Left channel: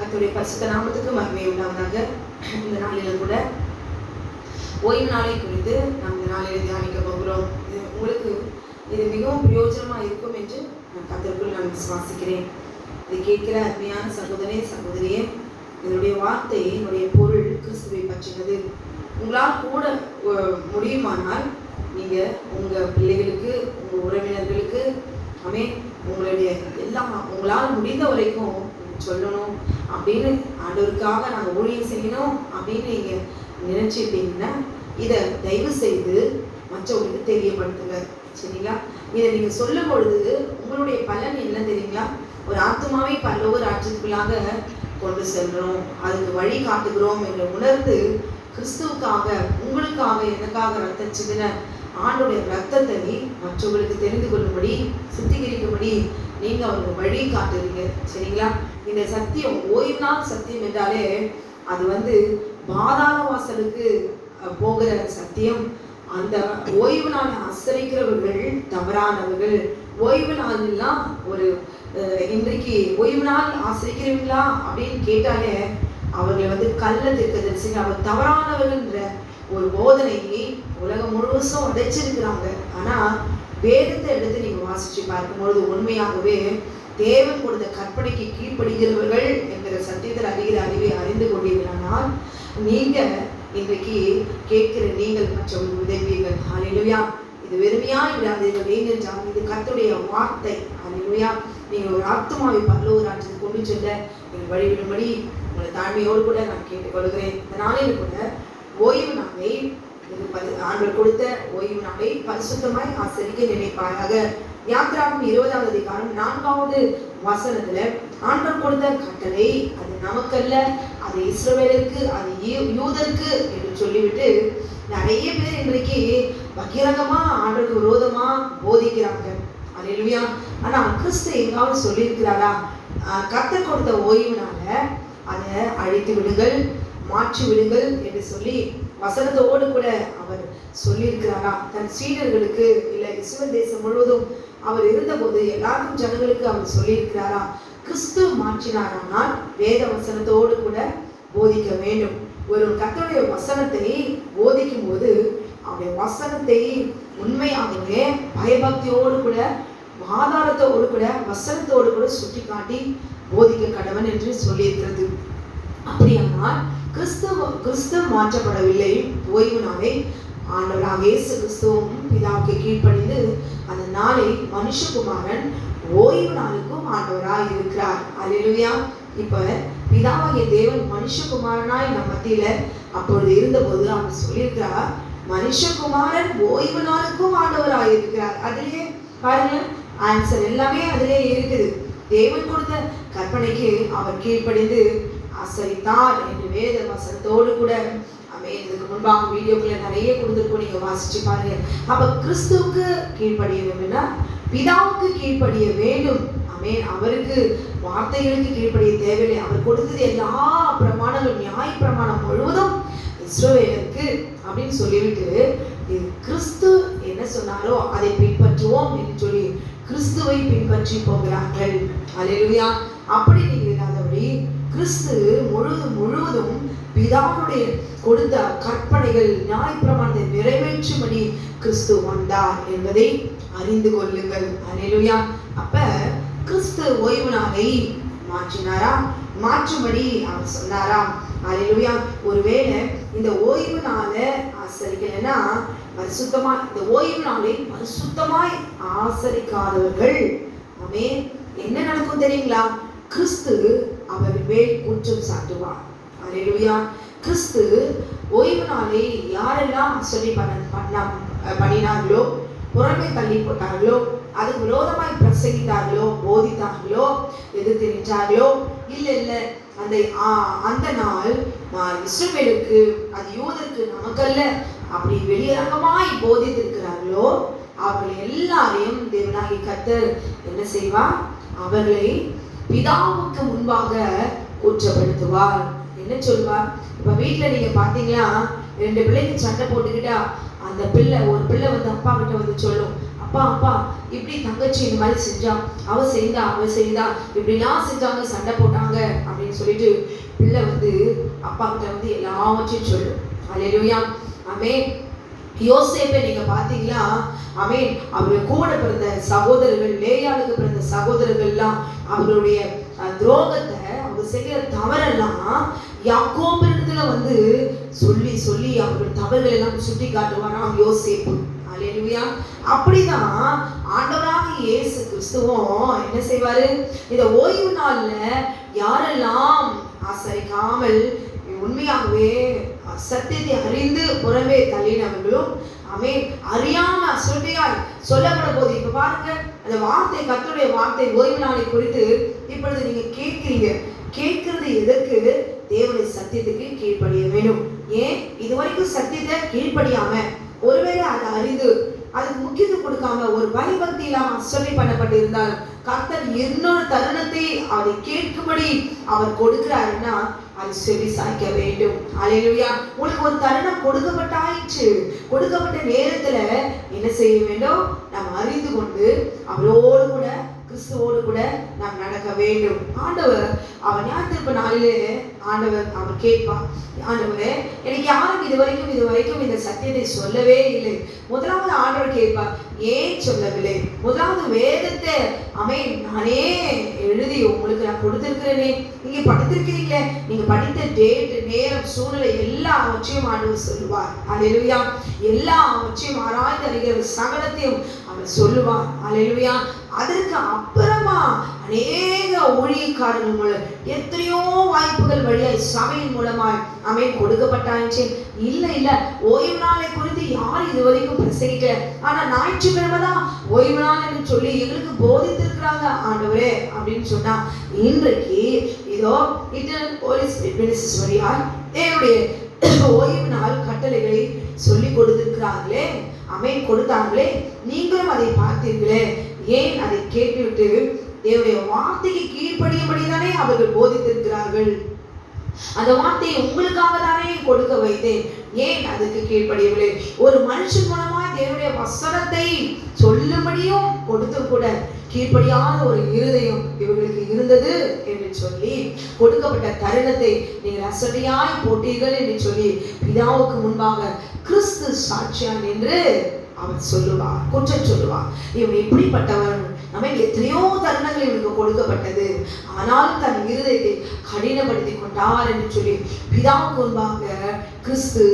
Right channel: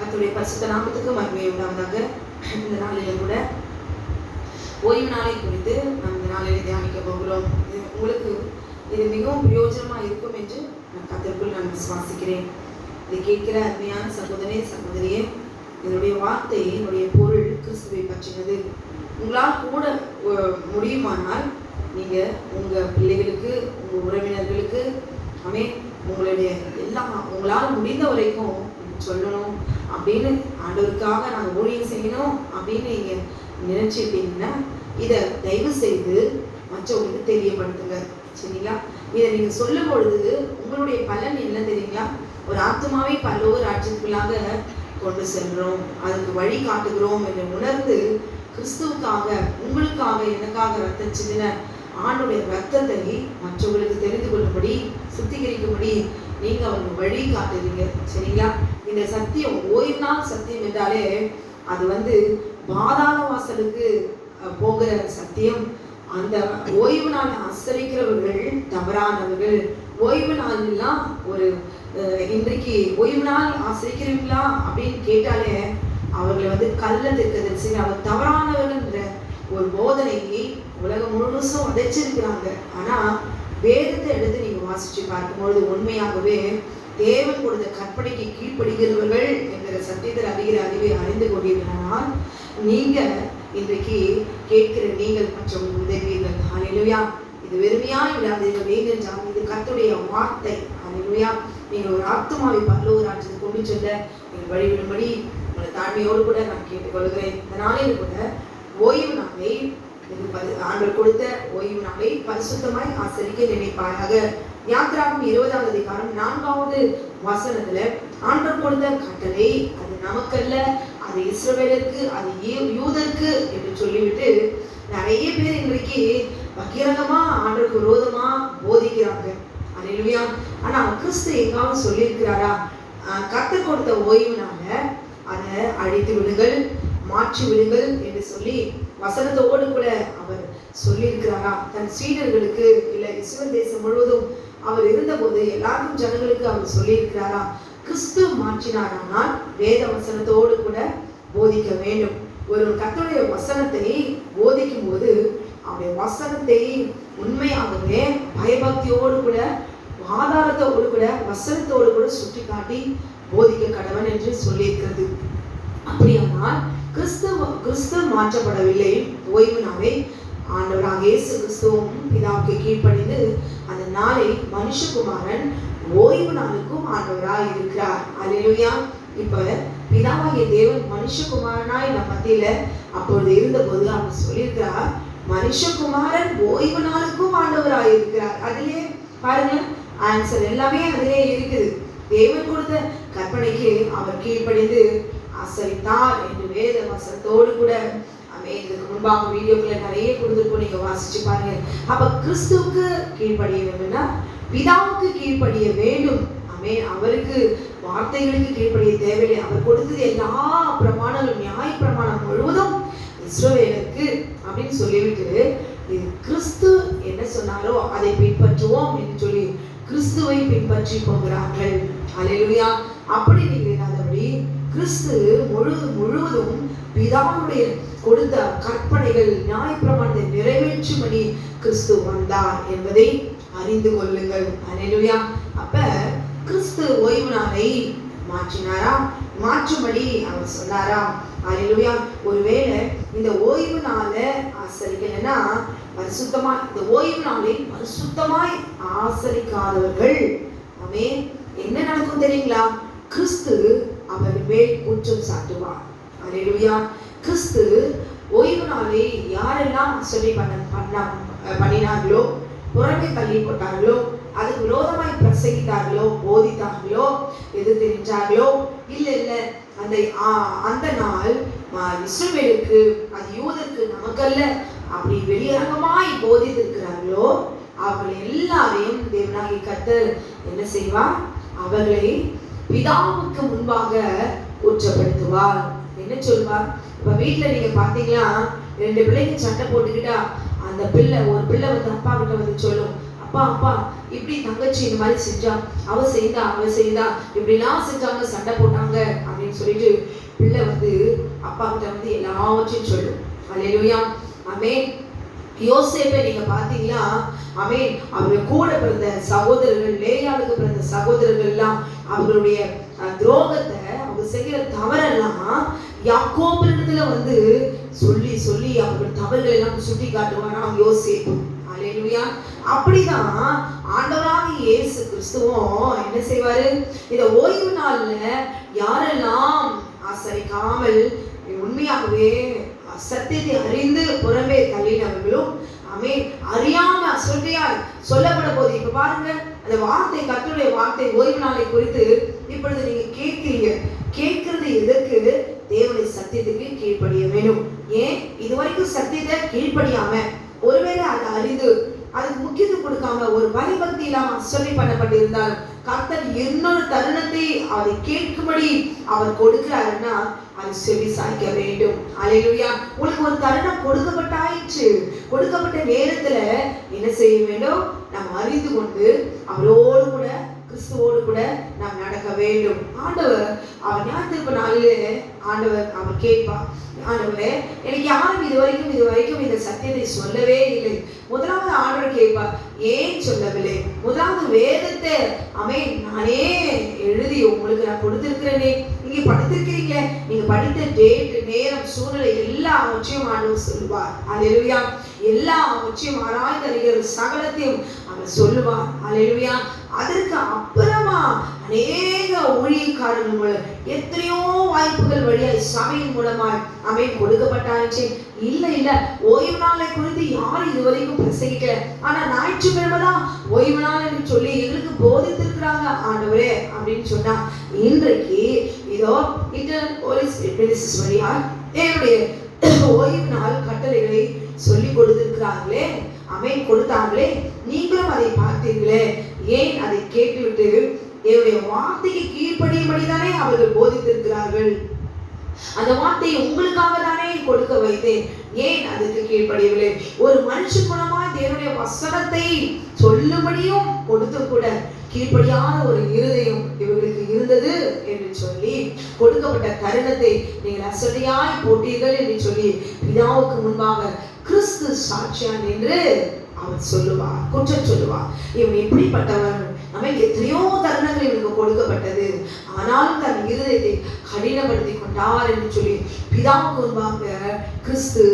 கர்த்தருடைய பரிசுத்த நாமத்துக்கு மகிமை உண்டாவதாக. இந்த நாளில் கூட ஓய்வு நாளை குறித்து நாம் இந்த நாளில் தியானிக்க போகிறோம். உங்களுக்கு இது மிகவும் பிரயோஜனமாக இருக்கும் என்று நான் கர்த்தருக்குள் நான் விசுவாசிக்கிறேன். இதை கேட்கிற அருமையான சகோதரியே, என்னுடைய வார்த்தை, என்னுடைய பொருள் கிறிஸ்துவை பற்றினது. உங்களால் கூட முடியுமானால் நீங்கள் உங்கள் பிள்ளைகளுக்கு, உங்கள் உறவினர்களுக்கு, உங்களுடைய எல்லாம் உங்களால் முடிந்த வரைக்கும் சொல்லணும் அப்படின்னு, ஆண்டவருக்காக நாங்கள் ஊழியம் செய்யணும் அப்படின்னு நீங்கள் நினைச்சிட்டீங்கன்னா இதை தயவு செய்து மற்றவங்களுக்கு தெரியப்படுத்துங்க. சரிங்களா? இதை நீங்கள் சொல்லும் பொழுது உங்களுடைய பலன் என்ன தெரியுங்களா? ஒரு ஆத்மாவை பரலோக ராஜ்யத்துக்குள்ளாக கொண்டு செல்றோம், அதுக்கு வழி காட்டுகிறோம் என்று உணர்ந்து, கிறிஸ்துவுக்காக, உங்களுக்காக, எனக்காக ரத்தம் சிந்தின ஆண்டுடைய ரத்தத்தை மற்றவர்களுக்கு தெரிந்து கொள்ளும்படி, சுத்திகரிக்கும்படி நீங்க அவருக்கு வழி காட்டுறீங்க. சரிங்களா? இந்த சத்தியம், ஓய்வு நாள் சத்தியம் என்றாலே அது பாதாள வாசலுக்கு போகிற சத்தியம். அந்த ஓய்வு நாளை ஆசிரிக்கிறவர்கள் தவறானவர்கள். ஓய்வு நாள்லாம் இன்றைக்கு ஓய்வு நாள் ஆசிரிக்கிறீங்களா அப்படின்னு கேட்டாலே அவர்களை கள்ள தீர்க்கதரிசி, அவர் தவறானவர்ன்ற ஒரு போதனையை உலகம் முழுசும் உடைச்சிருக்கிறாங்க. ஆனா வேதத்தை எடுத்து நீங்க வாசிச்சு பார்க்கும்பொழுது உண்மையாகவே தேவன் கொடுத்த கற்பனைக்கு கீழ்ப்படுகிறவர்கள் என்கிற சத்தியத்தில் அறிவை அறிந்து கொண்டீர்களானால் நீங்க இன்றைக்கு கேட்கிற நீங்கள் மற்றவர்கள் உதவிகள். ஹல்லேலூயா! இது வெறுமையான விடாதீர்கள். நீங்கள் இது கர்த்தருடைய வார்த்தை. ஹல்லேலூயா! நீங்கள் ஒரு ஆத்துமாவை பரலோக ராஜ்யத்துக்கு கொண்டு செல்ல நீங்கள் வழிவிடும்படி உங்களை தாழ்மையோடு கூட நான் கேட்டுக்கொள்கிறேன். இந்த நாளில் கூட ஓய்வு நாளை, ஆண்டவர் கொடுத்த ஓய்வு நாளை பரிசுத்தமாய் ஆசரிக்க நினைப்பாயாக. யாத்திராகமம் 20வது அதிகாரம் 4வது வசனத்துல ஆண்டவர் கொடுத்த கட்டளை அது நமக்கல்ல, அது இஸ்ரவேலுக்கு, அது யூதருக்கு என்று சொல்லிவிட்டு நிறைய பேர் இன்றைக்கு பகிரங்கமா ஆண்டவருக்கு விரோதமா போதிக்கிறாங்க. அல்லேலூயா! ஆனா கிறிஸ்து எங்காவது சொல்லியிருக்கிறாரா? கர்த்தர் கொடுத்த ஓய்வுனால அதை அழித்து விடுங்கள், மாற்றி விடுங்கள் என்று சொல்லி வசனத்தோடு கூட அவர் சொல்லியிருக்கிறாரா? தன் சீடர்களுக்கு, இல்ல இஸ்ரவேல் தேசம் முழுவதும் அவர் இருந்தபோது எல்லாருக்கும் ஜனங்களுக்கு அவர் சொல்லியிருக்கிறாரா? கிறிஸ்து மாற்றினாரானால் வேத வசனத்தோடு கூட போதிக்க வேண்டும். ஒரு கர்த்தருடைய வசனத்தை போதிக்கும் போது அவருடைய வசனத்தை உண்மையாகவே பயபக்தியோடு கூட, ஆதாரத்தோடு கூட, வசனத்தோடு கூட சுட்டி காட்டி போதிக்க கடவன் என்று சொல்லியிருக்கிறது. அப்படியானால் கிறிஸ்து மாற்றப்படவில்லை. ஓய்வு நாளை ஆண்டவராக இயேசு கிறிஸ்துவும் பிதாவுக்கு கீழ்ப்படிந்து அந்த நாளை மனுஷகுமாரன் ஓய்வு நாளுக்கும் ஆண்டவராய் இருக்கிறார். அல்லேலூயா! இப்ப பிதாவாகிய தேவன் மனுஷகுமாரனாய் நம் மத்தியில அப்பொழுது இருந்தபோது அவர் சொல்லியிருக்கிறார், மனுஷகுமாரன் ஓய்வு நாளுக்கும் ஆண்டவராய் இருக்கிறார். அதிலே பாருங்க, ஆன்சர் எல்லாமே அதிலே இருக்குது. தேவன் கொடுத்த கற்பனைக்கு அவர் கீழ்ப்படிந்து ஆசரித்தார் என்று வேத வசனத்தோடு கூட இதுக்கு முன்பாக வீடியோக்களை நிறைய கொடுத்துருக்கோம், நீங்க வாசிச்சு பாருங்க. அப்ப கிறிஸ்துவுக்கு கீழ்ப்படிய வேண்டும்னா பிதாவுக்கு கீழ்ப்படிய வேண்டும். அவருக்கு வார்த்தைகளுக்கு கீழ்ப்படிய தேவையில்லை. அவர் கொடுத்தது எல்லா பிரமாணங்களும், நியாய பிரமாணம் முழுவதும் இஸ்ரவேலுக்கு அப்படின்னு சொல்லிவிட்டு கிறிஸ்து என்ன சொன்னாரோ அதை பின்பற்றுவோம் என்று சொல்லி கிறிஸ்துவை பின்பற்றி போகிறார்கள். அல்லேலூயா! அப்படி நீங்க இல்லாதபடி கிறிஸ்து முழுவதும் பிதாவுடைய கொடுத்த கற்பனைகள், நியாயப்பிரமாணத்தை நிறைவேற்றும்படி கிறிஸ்து வந்தார் என்பதை அறிந்து கொள்ளுங்கள். அல்லேலூயா! அப்ப கிறிஸ்து ஓய்வு நாளை மாற்றினாரா? மாற்றும்படி அவர் சொன்னாரா? அல்லேலூயா! ஒருவேளை இந்த ஓய்வு நாளை ஆசரிக்கலைன்னா, பரிசுத்தமா இந்த ஓய்வு நாளை பரிசுத்தமாய் ஆசரிக்காதவர்கள் என்ன நடக்கும் தெரியுங்களா? கிறிஸ்து அவர் மேல் குற்றம் சாட்டுவார். அல்லேலூயா! கிறிஸ்து ஓய்வு நாளை யாரெல்லாம் ஆசரி பண்ணினார்களோ, புறமே தள்ளி போட்டார்களோ, அதுக்கு விரோதமாய் பிரசங்கித்தார்களோ, போதித்தார்களோ, எதிர்த்து நின்றார்களோ, இல்ல அந்த நாள் இஸ்ரவேலுக்கு, அது யூதருக்கு, நமக்கல்ல அப்படி வெளியரங்கமாய் போதித்திருக்கிறார்களோ அவர்கள் எல்லாரையும் தேவனாகிய கர்த்தர் என்ன செய்வார்? அவர்களை பிதாவுக்கு முன்பாக குற்றப்படுத்துவார். என்ன சொல்வார்? இப்ப வீட்டுல நீங்க பாத்தீங்கன்னா 2 பிள்ளைங்க சண்டை போட்டுக்கிட்டா அந்த ஒரு பிள்ளை அப்பா கிட்ட சொல்லும், அப்பா அப்பா இப்படி தங்கச்சி இந்த மாதிரி செஞ்சா, அவ செய்தா இப்படிலாம் செஞ்சாங்க, சண்டை போட்டாங்க அப்படின்னு சொல்லிட்டு பிள்ளை வந்து அப்பா கிட்ட வந்து எல்லாவற்றையும் சொல்லு. அல்லேலூயா. ஆமென். யோசேப்பை நீங்க பாத்தீங்களா? ஆமென். அவருடைய கூட பிறந்த சகோதரர்கள், லேயாளுக்கு பிறந்த சகோதரர்கள் எல்லாம் அவருடைய துரோகத்தை, அவங்க செய்கிற தவறெல்லாம் யாக்கோபிடத்துல வந்து சொல்லி சொல்லி அவருடைய தவறுகளை எல்லாம் சுட்டி காட்டுவாராம் யோசேப்பு. அல்லேலூயா. அப்படிதான் ஆண்டவராகிய இயேசு கிறிஸ்துவும் என்ன செய்வாரு? இந்த ஓய்வு நாள்ல யாரெல்லாம் ஆசரிக்காமல் உண்மையாகவே சத்தியத்தை அறிந்து புறம்பே தள்ளினவர்களும் ஆமென் அறியாம அசட்டையாய் சொல்லப்பட போது. இப்ப பாருங்க, அந்த வார்த்தை, கர்த்தருடைய வார்த்தை ஓய்வு நாளை குறித்து இப்பொழுது நீங்க கேட்கிறது எதற்கு? தேவனுடைய சத்தியத்துக்கு கீழ்ப்படிய வேண்டும். ஏன் இதுவரைக்கும் சத்தியத்தை கீழ்ப்படியாம, ஒருவேளை அதை அறிந்து அதுக்கு முக்கியத்துவம் கொடுக்காம ஒரு பயபக்தி இல்லாம அசட்டை பண்ணப்பட்டிருந்தால் கர்த்தர் இன்னொரு தருணத்தை அவரை கேட்கும்படி அவர் கொடுக்கிறாருன்னா அது செவி சாய்க்க வேண்டும். அல்லேலூயா. உங்களுக்கு ஒரு தருணம் கொடுக்கப்பட்டாயிற்று. கொடுக்கப்பட்ட நேரத்துல என்ன செய்ய வேண்டும்? நாம் அறிந்து கொண்டு அவரோடு கூட, கிறிஸ்துவோடு கூட நாம் நடக்க வேண்டும். ஆண்டவர் அவர் ஞாயிற்றுக்கிழமை நாளிலே ஆண்டவர் அவர் கேட்பார், ஆண்டவரே எனக்கு யாரும் இதுவரைக்கும் இந்த சத்தியத்தை சொல்லவே இல்லை. முதலாவது ஆண்டவர் கேட்பார், ஏன் சொல்லவில்லை? முதலாவது வேதத்தை ஆமென் நானே எழுதி உங்களுக்கு நான் கொடுத்திருக்கிறேனே, நீங்க படித்திருக்கிறீங்க, நீங்க படித்த டேட், நேரம், சூழ்நிலை எல்லாவற்றையும் ஆண்டவர் சொல்லுவார். அல்லேலூயா. எல்லாவற்றையும் ஆராய்ந்து அறிகிற சகலத்தையும் அவர் சொல்லுவார். அல்லேலூயா. அதற்கு அப்புறமா அநேக ஊழியக்காரர்கள் மூலம் எத்தனையோ வாய்ப்புகள் வழியாய் சபையின் மூலமாய் ஆமென் கொடுக்கப்பட்டாச்சு. இல்ல ஓய்வு நாளை குறித்து யார் இதுவரைக்கும் பிரசங்கிக்கல. ஆனா ஞாயிற்றுக்கிழமை தான் ஓய்வு நாள் என்று சொல்லி எங்களுக்கு போதித்திருக்கிறாங்க ஆண்டவரே அப்படின்னு சொன்னா, இன்றைக்கு இதோ வழியா என்னுடைய ஓய்வு நாள் கட்டளைகளை சொல்லி கொடுத்திருக்கிறார்களே, ஆமென் கொடுத்தாங்களே, நீங்களும் அதை பார்த்தீர்களே. ஏன் அதை கேட்டுவிட்டு தேவனுடைய வார்த்தைக்கு கீழ்ப்படியும்படிதானே அவர்கள் போதித்திருக்கிறார்கள். அந்த வார்த்தையை உங்களுக்காக தானே கொடுக்க வைத்தேன். ஏன் அதுக்கு கீழ்ப்படியவில்லை? ஒரு மனுஷன் மூலமாய் தேவனுடைய வசனத்தை சொல்லும்படியும் கொடுத்து கூட கீழ்ப்படியாத ஒரு இருதயம் இவர்களுக்கு இருந்தது என்று சொல்லி கொடுக்கப்பட்ட தருணத்தை நீங்கள் அசட்டையாய் போட்டீர்கள் என்று சொல்லி பிதாவுக்கு முன்பாக கிறிஸ்து சாட்சியான் என்று அவன் சொல்லுவார், குற்றம் சொல்லுவார். இவன் எப்படிப்பட்டவன்? நம்ம எத்தனையோ தருணங்கள் இவனுக்கு கொடுக்கப்பட்டது, ஆனாலும் தன் இருதயத்தை கடினப்படுத்தி கொண்டார் என்று சொல்லி பிதாவுக்கு முன்பாக கிறிஸ்து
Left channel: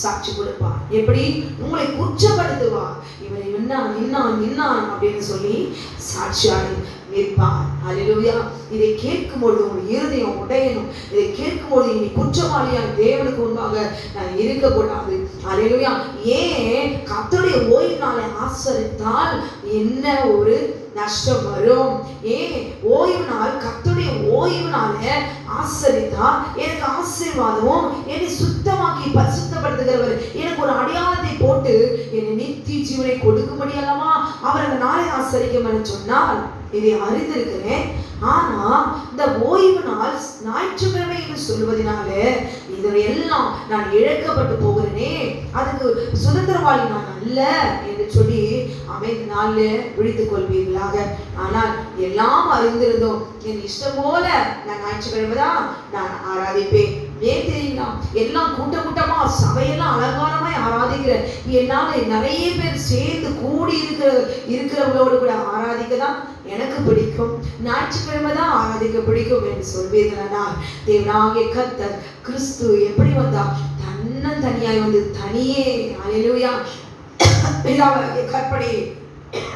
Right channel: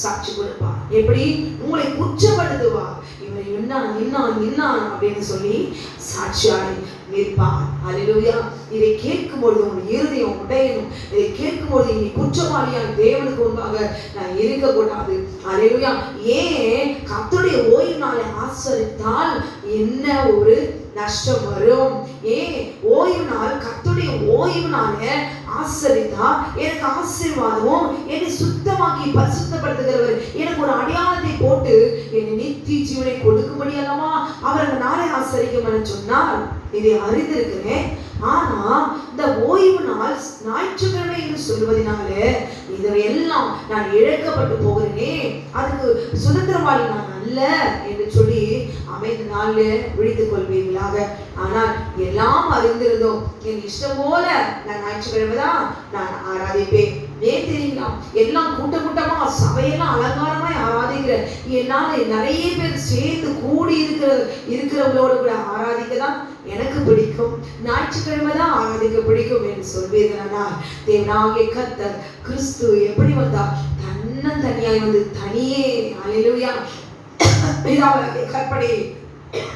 சாட்சி கொடுப்பார். எப்படி? உங்களை குற்றப்படுத்துவார். இவனை இன்னான் அப்படின்னு சொல்லி சாட்சியாய் நிற்பார். அல்லேலூயா. இதை கேட்கும்பொழுது உங்கள் இருதயம் உடையணும். இதை கேட்கும்பொழுது இனி குற்றவாளியாய் தேவனுக்கு முன்பாக நான் இருக்கக்கூடாது. அல்லேலூயா. ஏன் கர்த்தருடைய ஓய்வு நாளை ஆசரித்தால் என்ன ஒரு நஷ்டம் வரும்? ஏன் ஓய்வு நாள், கர்த்தருடைய ஓய்வு நாளை ஆசரித்தா எனக்கு ஆசீர்வாதமும், என்னை சுத்தமாக்கி பரிசுத்தப்படுத்துகிறவர் எனக்கு ஒரு அடையாளத்தை போட்டு என்னை நித்திய ஜீவனை கொடுக்கும்படி அல்லவா அவர் அந்த நாளை ஆசரிக்கும் என்று சொன்னால் இதை அறிந்திருக்கிறேன். ஆனா இந்த ஓய்வு நாள் ஞாயிற்றுக்கிழமை என்று சொல்வதனால இதெல்லாம் நான் இழக்கப்பட்டு போகிறேனே, அதுக்கு சுதந்திரவாளி நான் அல்ல என்று சொல்லி அமைந்த நாள்ல விழித்துக் கொள்வீர்களாக. ஆனால் எல்லாம் அறிந்திருந்தோம், என் இஷ்டம் போல நான் ஞாயிற்றுக்கிழமை தான் நான் ஆராதிப்பேன். ஏன் தெரியுங்களா? எல்லாம் கூட்டமா சபையெல்லாம் அலங்காரமாய் ஆராதிக்கிற என்னால நிறைய பேர் சேர்ந்து கூடி இருக்கிறவங்களோடு கூட ஆராதிக்கதான் எனக்கு பிடிக்கும், ஞாயிற்றுக்கிழமை தான் ஆராதிக்க பிடிக்கும் என்று சொல்வீர்களானால் தேவனாகிய கர்த்தர் கிறிஸ்து எப்படி வந்தா? தனியாய் வந்து தனியே அல்லேலூயா பிதாவுடைய கற்பனையை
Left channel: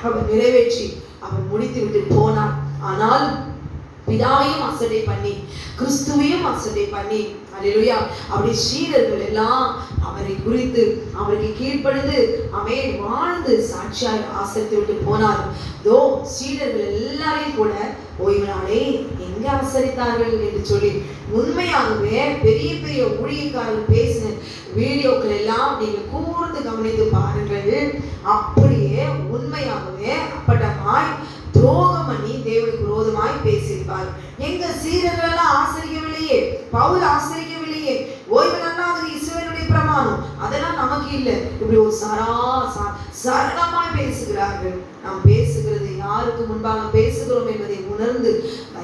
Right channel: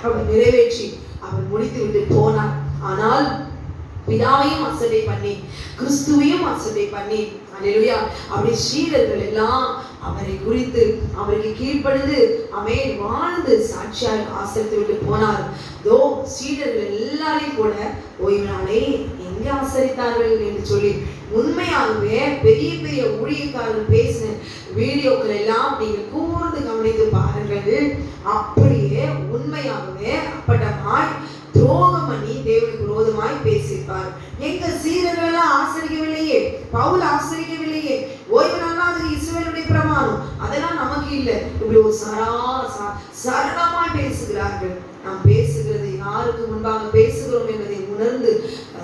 அவர் நிறைவேற்றி அவர் முடித்து விட்டு போனார். ஆனால் பிதாவையும் அசட்டை பண்ணி கிறிஸ்துவையும் அசட்டை பண்ணி அல்லேலூயா அப்படி சீடர்கள் எல்லாம் அவரை குறித்து அவருக்கு கீழ்ப்படிந்து ஆமென் வாழ்ந்து சாட்சியாய் ஆசரித்து விட்டு போனார். தோ சீடர்கள் எல்லாரையும் கூட ஓய்வு நாளை எங்க ஆசரித்தார்கள் என்று சொல்லி உண்மையாகவே பெரிய பெரிய ஊழியக்காரர்கள் பேசின வீடியோக்கள் எல்லாம் நீங்கள் கூர்ந்து கவனித்து பாருங்கள். அப்படியே உண்மையாகவே அப்பட்டமாய் துரோகம் பண்ணி தேவனுக்கு விரோதமாய் பேசியிருப்பார். எங்க சீடர்கள் எல்லாம் ஆசரிக்கவில்லையே, பவுல் ஆசரிக்கவில்லையே, ஓய்வு நாள் அது இஸ்ரவேலுடைய பிரமாணம், அதெல்லாம் நமக்கு இல்லை, இப்படி ஒரு சரளமாய் பேசுகிறார்கள். நாம் பேசுகிறது யாருக்கு முன்பாக பேசுகிறோம் என்பதை உணர்ந்து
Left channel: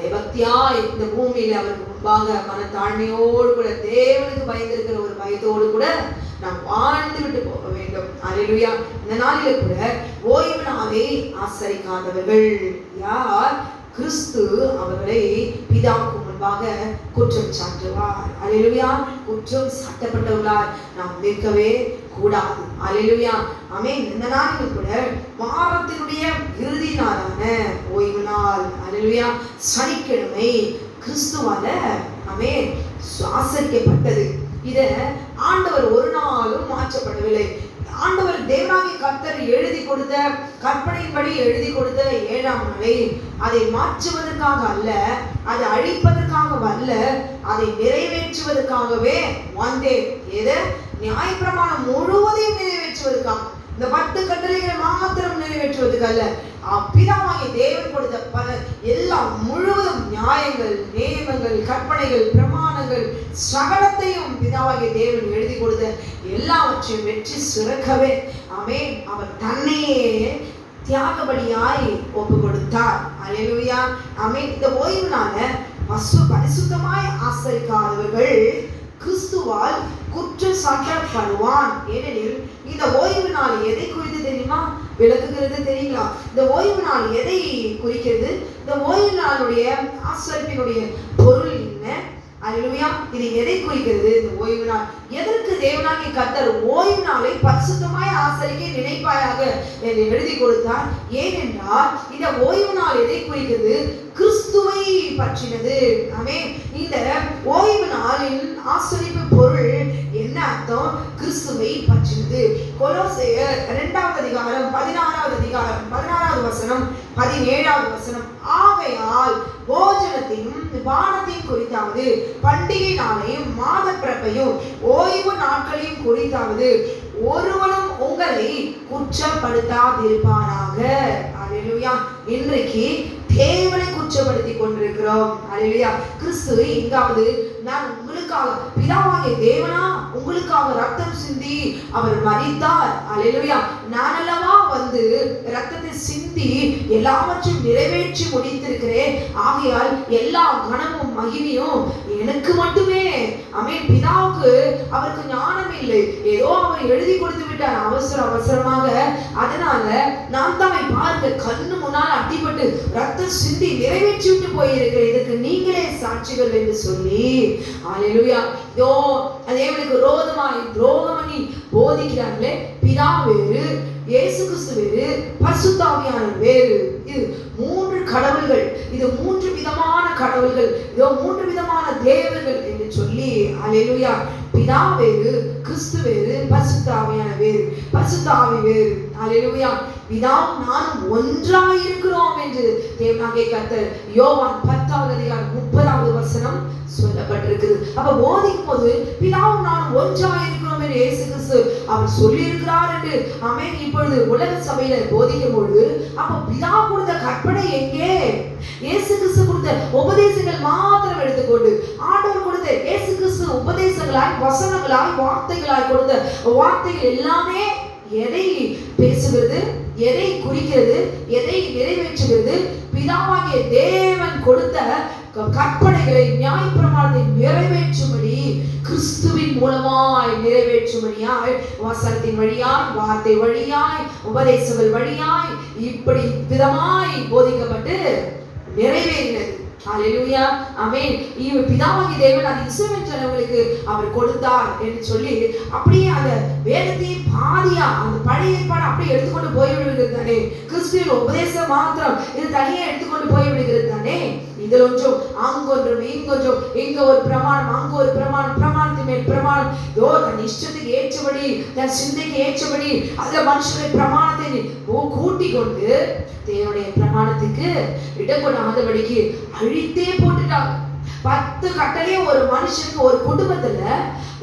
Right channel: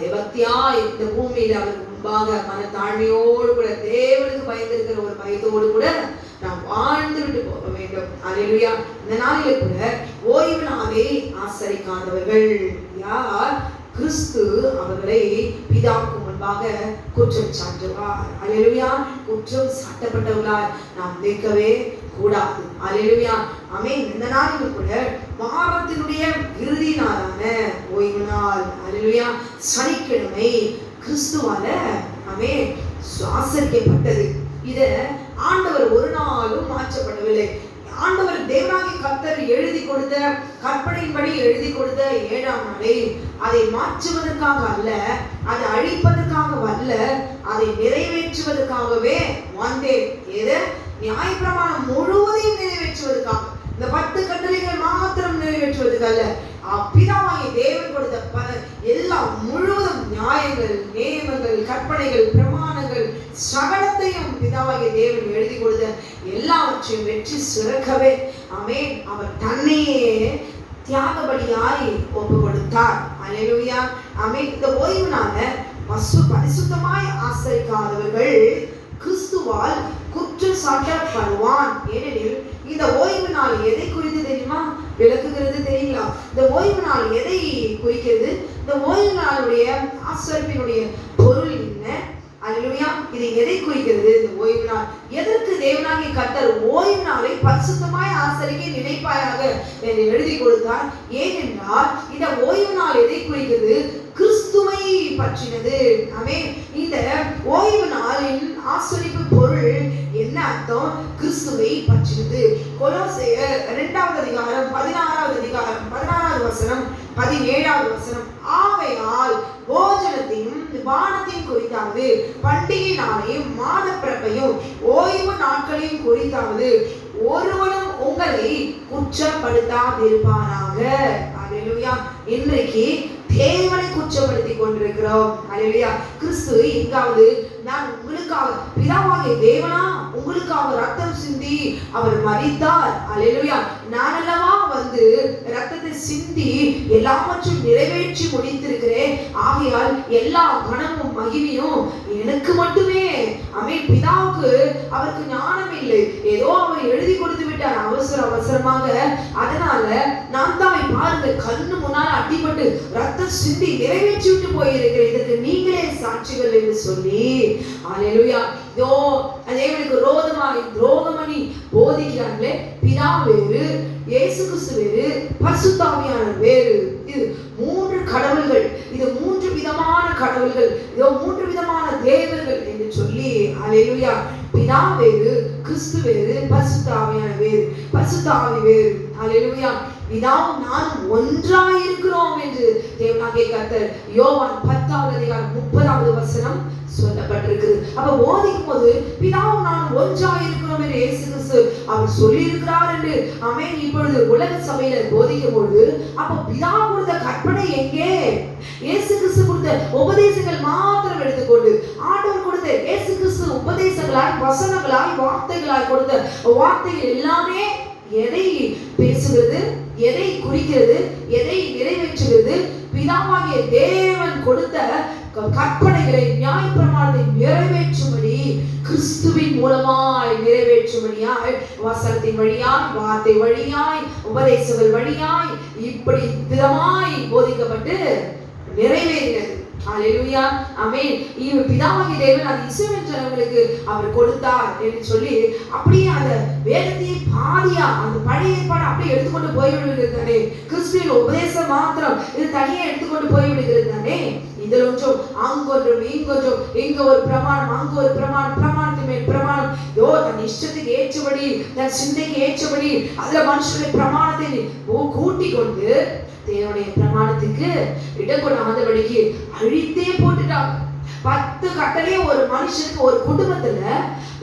பயபக்தியாய் இந்த பூமியில அவருக்கு முன்பாக மனத்தாழ்மையோடு கூட தேவனுக்கு பயந்திருக்கிற ஒரு பயத்தோடு கூட நாம் வாழ்ந்து விட்டு போக வேண்டும். அல்லேலூயா. இந்த நாளிலே கூட ஓய்வு நாளை ஆசரிக்காதவர்கள் யார்? கிறிஸ்து அவர்களை பிதாவுக்கு முன்பாக குற்றம் சாட்டுவார். அல்லேலூயா. குற்றம் சாட்டப்பட்டவர்களாய் நாம் நிற்கவே கூடாது. அல்லேலூயா. ஆமென். இந்த நாளில் கூட வாரத்தினுடைய இறுதி நாளான ஓய்வு நாள், அல்லேலூயா, சனிக்கிழமை கிறிஸ்துவால ஆமென் ஆசரிக்கப்பட்டது. இத ஆண்டவர் ஒரு நாளும் மாற்றப்படவில்லை. ஆண்டவர் தேவனாகிய கர்த்தர் எழுதி கொடுத்த கற்பனையின்படி எழுதி கொடுத்த 7ஆம் நாளை அதை மாற்றுவதற்காக அல்ல, அதை அழிப்பதற்காக அல்ல, அதை நிறைவேற்றுவதற்காகவே வந்தேன். எது? நியாயப்பிரமாணம் முழுவதையும் நிறைவேற்றுவதற்காக, இந்த 10 கட்டளைகளை மாத்திரம் நிறைவேற்றுவதற்கு அல்ல, பிதாவாகிய தேவன் கொடுத்த எல்லாம் முழுவதும் நியாயங்கள், நியமங்கள், கற்பனைகள், பிரமாணங்கள் சகலத்தையும் பிதாவாகிய தேவன் எழுதி கொடுத்த எல்லாவற்றையும் வெற்றி சிறக்கவே ஆமென் அவர் தன்னையே தியாகபலியாய் ஒப்பு கொடுத்தார். அல்லேலூயா. ஆமென். இந்த ஓய்வு நாள பரிசுத்தமாய் ஆசரிக்காதவர்கள் கிறிஸ்துவால் குற்றம் சாட்டப்படுவான். ஏனெனில் இந்த ஓய்வு நாள் எதை குறித்து தெரியுமா? விளக்குகிறது தெரியுங்களா? இந்த ஓய்வு நாள் எதை குறிக்கிறது? இந்த ஓய்வு நாளுடைய ஆசரிப்பினுடைய பொருள் என்ன? அல்லேலூயா. இது எதை குறிக்கிறது? இந்த ஓய்வு நாள் எதற்கு தேவனாகிய கர்த்தர் ஓய்வு நாளை பரிசுத்தமாய் ஆசரிக்க நினைப்பாயாக என்று எழுதி கொடுத்தார்? ஏனென்றால் இந்த ஓய்வு நாள் எதை குறிக்கிறது? கிறிஸ்துவை பற்றினது. ஆமென். இந்த ஓய்வு நாளின் ஆசரிப்பு பொருள் என்ன அர்த்தம்? கிறிஸ்துவை பற்றினது. கொலோசையர் 2ஆம் அதிகாரம் 16வது வசனம் 17வது வசனம். ஆகையால் போஜனத்தையும் பானத்தையும் குறித்தாவது, பண்டிகை நாளையும் மாத பிறப்பையும் ஓய்வு நாட்களையும் குறித்தாவது ஒருவனும் உங்களை குற்றப்படுத்தாதிருப்பானாக. அல்லேலூயா. இன்றைக்கு தேவனை குற்றப்படுத்தி கொண்டிருக்கிறோம். அல்லேலூயா. கிறிஸ்து எங்காவது நான் உங்களுக்காக, பிதாவாகிய தேவனா உங்களுக்காக ரத்தம் சிந்தி அவர் மரித்தார், அல்லேலூயா, நான் அல்லவா வந்து ரத்தத்தை சிந்தி எல்லாவற்றையும் நிறைவேற்றி முடித்திருக்கிறேன், ஆகையால் எல்லா கனமும் மகிமையும் எனக்கு மட்டுமே. ஆமென். பிதாவுக்கு அவருக்கு ஞானம் இல்லை, ஏதோ அவர் எழுதி கொடுத்து விட்டார் அவசரமாக. அதனால நான் தான் பாருங்க கண்ணு முன்னால் அடிபட்டு ரத்தம் சிந்தி நிறைவேற்றி விட்டு போயிருக்கிறேன், இதற்கு நீங்களே சாட்சிகள் என்று சொல்லி அல்லேலூயா இதோ தேவனுக்கு விரோதமாய் துரோகம் பண்ணி போதிக்கிறார்களே. பிதா வேறு, இயேசு கிறிஸ்து வேறு, பரிசுத்த ஆவியானவர் வேறு. இது 3 கடவுள்கள், இது 3 விதமான கடவுள்கள், இதோ 3 விதமான தேவர்கள் என்று சொல்லி அல்லேலூயா. பிதா வேறு, கிறிஸ்து வேறு, பரிசுத்த ஆவியானவர் வேறு, பரிசுத்த ஆவி வேறு. அல்லேலூயா. பிதாவும் நானும் ஒன்றாய் இருக்கிறோம் என்று தேவனாகிய கர்த்தர் யோவான் 10ஆம் அதிகாரம் 30வது வசனம் சொல்லப்பட்டிருக்கிறது. அப்ப போதிக்கும் போது பிதாவும் நானும் ஒன்றாய் இருக்கிறோம் என்று இயேசு கிறிஸ்து அவர் சொல்லி இருக்கிறார் என்று ஆமென். இப்பொழுது உலக சபையில போதிக்கும் பொழுது அப்ப பிதா கொடுத்த கற்பனை எங்கே? இயேசு கிறிஸ்து கொடுத்த உபதேசங்கள் மாத்திரம் எடுத்துக்கொண்டு ஆண்டவர் கொடுத்த இயேசு கிறிஸ்து உபதேசங்களாய், வசனங்களாய், வார்த்தைகளாய் கொடுத்த வார்த்தைகள் எல்லாமே எதை பேசுகிறது? எதை குறிக்கிறது? எதை நிறைவேற்றுகிறது? பிதாவாகிய தேவன் கொடுத்த கற்பனைகளை, நியாயப்பிரமாணத்தை நிறைவேற்றும்படி, கிறிஸ்துவின் மூலமாய் நிறைவேற்றும்படியாய், வசனத்தின் வழியாய், வார்த்தை வழியாய், உபதேசங்கள் வழியாய் இப்படி விதமாய் போதிக்கப்பட்டு நிறைவேறினது. அல்லேலூயா. ஆமென். பிதாவாகிய தேவன் அது இஸ்ரவேல் ஜனங்களுக்கு அவர் கொடுத்தார் என்று சொல்லி அப்படியே அந்த வேதத்தை பாதியா அந்த பழைய ஏற்பாடு அப்படியே எடுத்துக்கொண்டு போய்விடுகிறது தானே. கிறிஸ்துவின் உபதேசம் மாத்திரம் இது தனியா எடுத்துக்கொண்டு போய்விடுகிறது தானே. இதில் ஒன்றும் அங்கொன்றும் இங்கொன்றும், இங்க ஒரு பிரமாணம் அங்க ஒரு பிரமாணம், பிரமாணத்தின் மேல் பிரமாணம், தன் இஷ்டத்துக்கு ஏற்றபடி, தன் சிந்தைக்கு ஏற்றபடி அந்த மனுஷனுடைய பிரமாணத்தை கூட்டி கொண்டு தேவனுடைய பிரமாணத்துக்கு இடம் கொடாதபடிக்கு அழித்தே போட்டுட்டாங்க. 10 கட்டளையே ஒரு மனுஷனுக்கு, ஒரு குடும்பத்துல,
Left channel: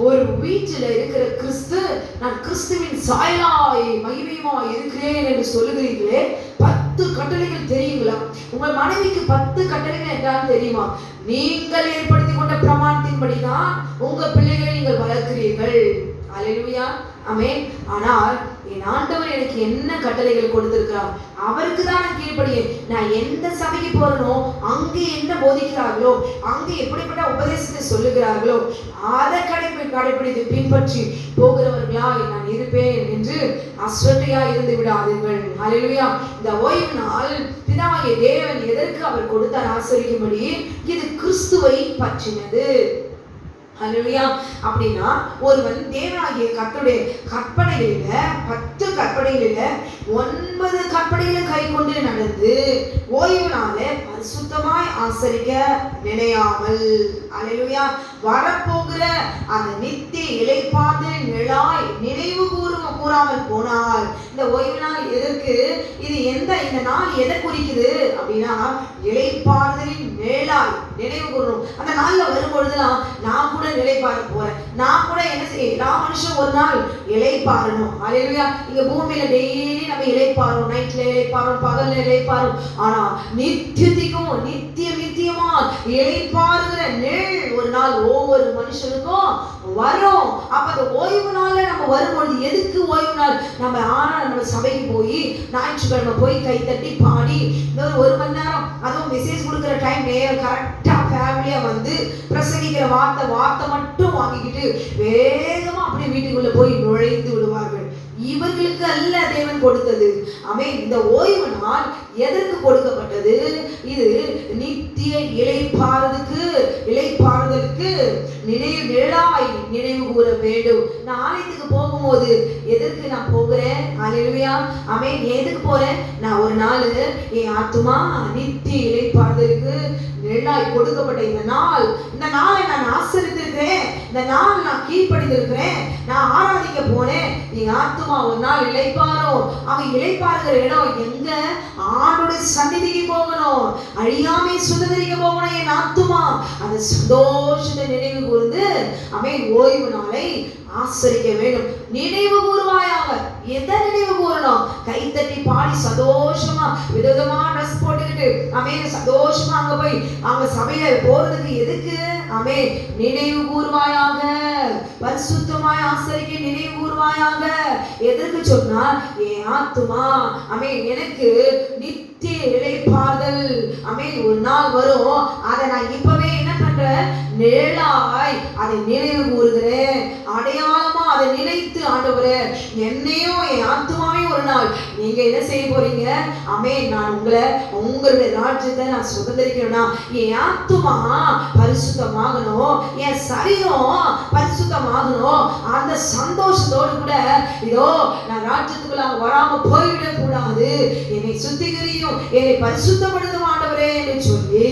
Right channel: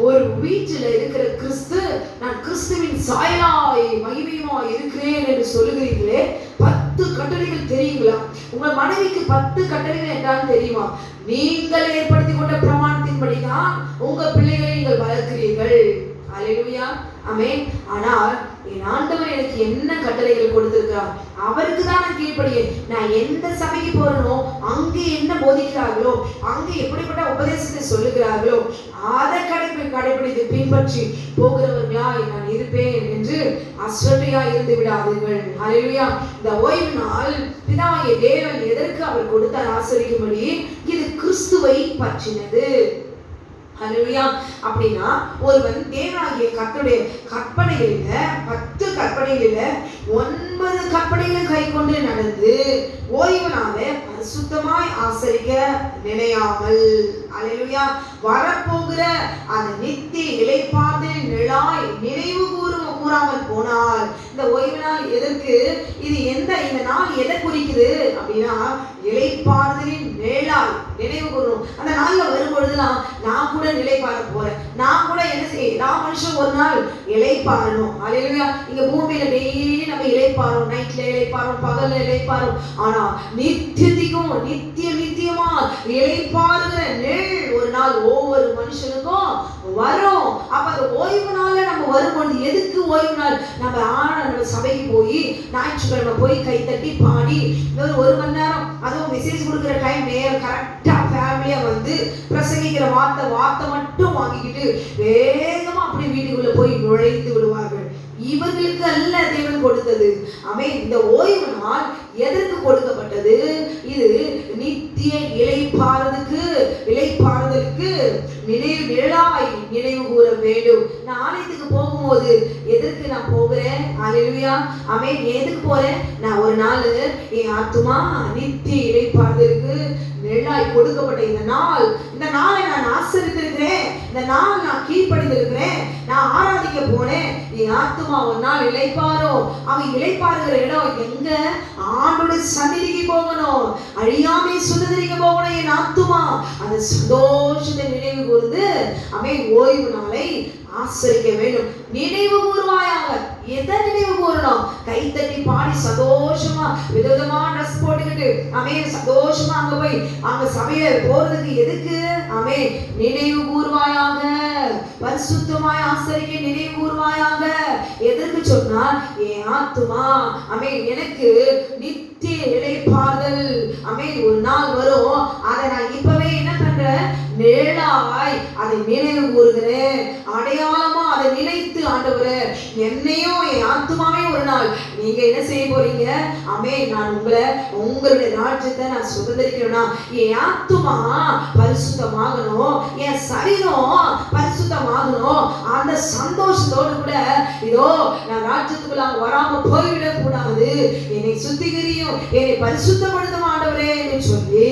ஒரு வீட்டில் இருக்கிற கிறிஸ்து, நான் கிறிஸ்துவின் சாயலாய் மகிமையுமாய் இருக்கிறேன் என்று சொல்லுகிறீர்களே, 10 கட்டளைகள் தெரியுங்களா? உங்கள் மனைவிக்கு 10 கட்டளைகள் என்றால் தெரியுமா? நீங்கள் ஏற்படுத்தி கொண்ட பிரமாணத்தின்படிதான் உங்க பிள்ளைகளை நீங்கள் வளர்க்கிறீர்கள். அல்லேலூயா. ஆமென். ஆனால் என் ஆண்டவர் எனக்கு என்ன கட்டளைகள் கொடுத்திருக்கிறார், அவருக்கு தான் நான் கீழ்ப்படியே. நான் எந்த சபைக்கு போறனோ அங்கே என்ன போதிக்கிறார்களோ, அங்கே எப்படிப்பட்ட உபதேசத்தை சொல்லுகிறார்களோ அதை கடைபிடித்து பின்பற்றி போகிறவர்களாய் நான் இருப்பேன் என்று அஸ்வட்டையா இருந்து விடாதீர்கள். ஹல்லேலூயா. இந்த ஓய்வு நாள் பிதாவாகிய தேவன் எதற்கு அவர் கொடுத்தார் ஆசரிக்கும்படி? இது கிறிஸ்துவை பற்றினது. ஹல்லேலூயா. அப்படின்னா ஒருவன் தேவனாகிய கர்த்தருடைய கற்பனைகளில 10 கற்பனைகளில 9 கற்பனைகளை கை கொண்டு நடந்து ஓய்வு நாளை பரிசுத்தமாய் ஆசரிக்க நினையாமல், ஹல்லேலூயா, வரப்போகிற அந்த நித்திய இளைப்பாறுதலின் நிழலாய் நினைவு கூறாமல் போனார். இந்த ஓய்வு நாள் எதற்கு? இது இந்த நாள் எதை குறிக்குது அப்படின்னா இளைப்பாறுதலின் நிழலாய் நினைவு கூறணும். அந்த நாள்ல வரும்பொழுதுதான் நான் கூட நிலைப்பாற போறேன், நான் கூட என்ன செய்ய, எல்லா மனுஷன் ஒரு நாள் இளைப்பாறணும். ஹல்லேலூயா. இங்க பூமியில டெய்லி நம்ம இளைப்பாறோம், நைட்ல இளைப்பாறோம், பகல்ல இளைப்பாறோம். ஆனா நித்தியமா இளைப்பாறுகிற நிழல் ஒரு நாள் ஒவ்வொரு மனுஷனுக்கும் வரும். அப்ப அந்த ஓய்வு நாள்ல நம்ம வரும்பொழுது, எதுக்கு ஓய்வு நாள்? நம்ம சபைக்கு போய் ஞாயிற்றுக்கிழமை போய் கை தட்டி பாடி ஒரு மணி நேரம், அதுவும் மெசேஜ் கொடுக்குற டைம் கரெக்டா ஃபேமிலியா வந்து பிரசங்கிக்கிற வார்த்தை மட்டும் வாங்கிக்கிட்டு வேகமா அப்படி வீட்டுக்குள்ள போய் நுழைந்து விடுவார்கள். இவர்களுக்கு அல்ல தேவன் கொடுத்தது. ஆமென். இந்த ஓய்வு நாள் எதற்கு கொடுக்கப்பட்டது? இது நித்திய இளைப்பாறுதலுக்கு நினைவு கூற வேண்டும். நான் ஆலயத்துக்கு போகும்போது எதற்கு நான் போகிறேன்? ஹல்லேலூயா. ஆமென். எதுக்கு போறேன்? நான் ஒரு நாள் என் ஆத்துமா நித்திய இளைப்பாறுதலுக்கு நிழலாய் கொடுக்கப்பட்ட இந்த நாளை நான் ஆசரித்திருக்கிறேன், இந்த நாள் நான் கீழ்ப்படிந்திருக்கிறேன், நான் ஆராதிக்க போனேன். என் ஆத்துமா ஒரு நாள் இளைப்பாறும். அவன் இளைப்பாறுகிற இடம் எங்க? ஆண்டோட சந்நிதிக்கு போகணும், அழியாமை சுதந்திரிக்க போகணும். என் ஆத்துமா அந்த சந்தோஷத்தை நினைவு கூர்ந்து அவன் ஓய்வு நாளை ஆசரிக்க வேண்டும். நினைவு கூறுவாயாக. எதை நினைவு கூறணும்? கைத்தட்டி பாடி சந்தோஷமா விதவிதமா ட்ரெஸ் போட்டுக்கிட்டு சந்தோஷமா அங்க சபையில போறதுக்கு எதுக்கு? நினைவு கூறுவாயாக. பரிசுத்தமாய் ஆசரிக்க நினைவு கூறுவாயாக. எதற்கு சொன்னா என் ஆத்துமா எனக்கு நித்திய இளைப்பாறுதல் ஒரு நாள் வரும். அதை நான் இப்பவே என்ன பண்றேன்? நிழலாய் அதை நினைவு கூறுகிறேன். அடையாளமா அதை நினைத்து, ஆண்டவரே என்னையும் என் ஆத்துமாவையும் ஒரு நாள் நீங்க என்ன செய்ய போறீங்க? நான் உங்களுடைய ராஜ்யத்தை நான் சுதந்திரிக்கணும்னா என் ஆத்துமா பரிசுத்தமாகணும், என் சரீரம் பரிசுத்தமாகணும். அந்த சந்தோஷத்தோடு கூட இதோ நான் ராஜ்யத்துக்குள்ள வராம போய்விடக் கூடாது, என்னை சுத்திகரியும், என்னை பரிசுத்தப்படுத்தும் ஆண்டவரே என்று சொல்லி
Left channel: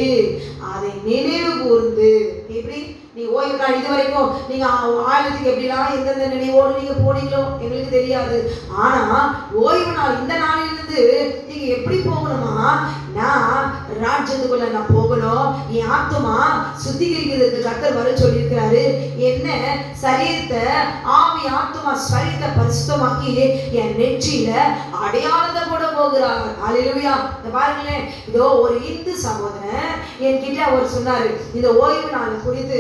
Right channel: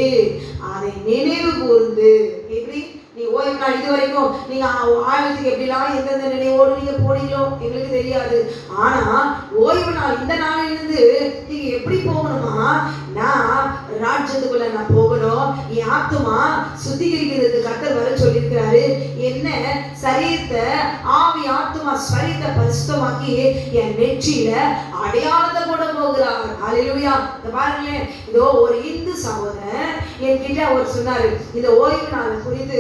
அதை நினைவு கூர்ந்து. எப்படி நீ ஓய்வு நாள் இது வரைக்கும் நீங்க ஆயிரத்துக்கு எப்படிலாம் எந்தெந்த நினைவோடு நீங்க போனீங்களோ எங்களுக்கு தெரியாது. ஆனா ஓய்வு நாள் இந்த நாளிலிருந்து நீங்க எப்படி போகணுமா? நான் ராஜ்யத்துக்குள்ள நான் போகணும், என் ஆத்துமா சுத்திகரிக்கிறதுக்கு கர்த்தர் வர சொல்லியிருக்கிறாரு. என்ன? சரீரத்தை, ஆவி ஆத்துமா சரீரத்தை பரிசுத்தமாக்கி என் நெற்றியில அடையாளத்தை போட போகிறார். ஹல்லேலூயா. பாருங்களேன், இதோ ஒரு இந்து சகோதரன் என்கிட்ட அவர் சொன்னாரு, இந்த ஓய்வு நாள் குறித்து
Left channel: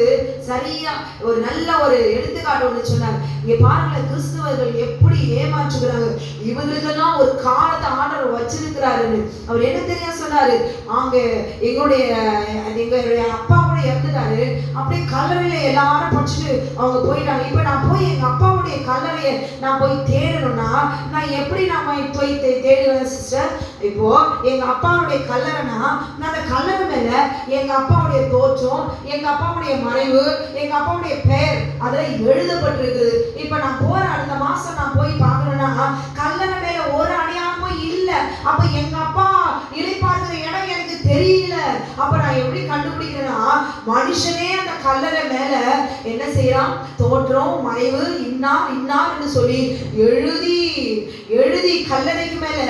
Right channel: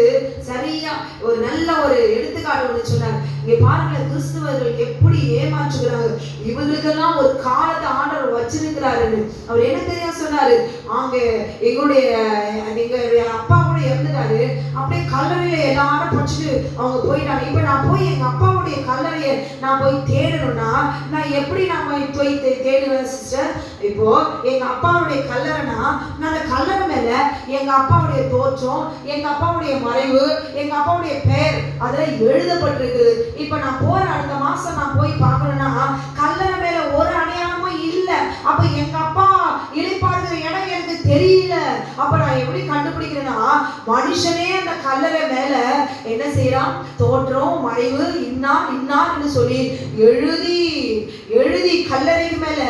சரியா ஒரு நல்ல ஒரு எடுத்துக்காட்டு ஒன்று சொன்னார். இங்க பாருங்களேன், கிறிஸ்தவர்கள் எப்படி ஏமாற்றுகிறாங்க. இவங்களுக்கெல்லாம் ஒரு காலத்தை ஆண்டவர் வச்சிருக்கிறாருன்னு அவர் என்ன தெரியா சொன்னாரு? அங்க எங்களுடைய அப்பா கூட இறந்துட்டாரு. அப்படியே கல்லறையில எல்லாரும் படிச்சுட்டு அவங்க போயிட்டாங்க. இப்ப நான் போய் எங்க அப்பாவுடைய கல்லறையை நான் போய் தேடணும்னா நான் எப்படி நாம போய் தேடுவேன் சிஸ்டர்? இப்போ எங்க அப்பாவுடைய கல்லறைனா நான் அந்த கல்லறை மேல எங்க அப்பாவுடைய தோற்றம், எங்க அப்பாவுடைய மறைவு, எங்க அப்பாவுடைய பெயர் அதுல எழுதப்பட்டிருக்குது. இப்ப நான் போற அடுத்த மாசம் நான் போய் பார்க்கணும்னா கல்லறை மேல ஒரு அடையாளமும் இல்ல. அப்ப எங்க அப்பா இளைப்பாறுகிற இடம் எனக்கு தெரியல. அப்ப நான் எப்படி கண்டுபிடிக்கிறேன்னா, மனுஷனே அந்த கல்லறை மேல என்ன செய்யறான்? தோற்றம், மறைவு, இன்னார்னு சொல்லி எழுதி கல்லறைக்கு மேல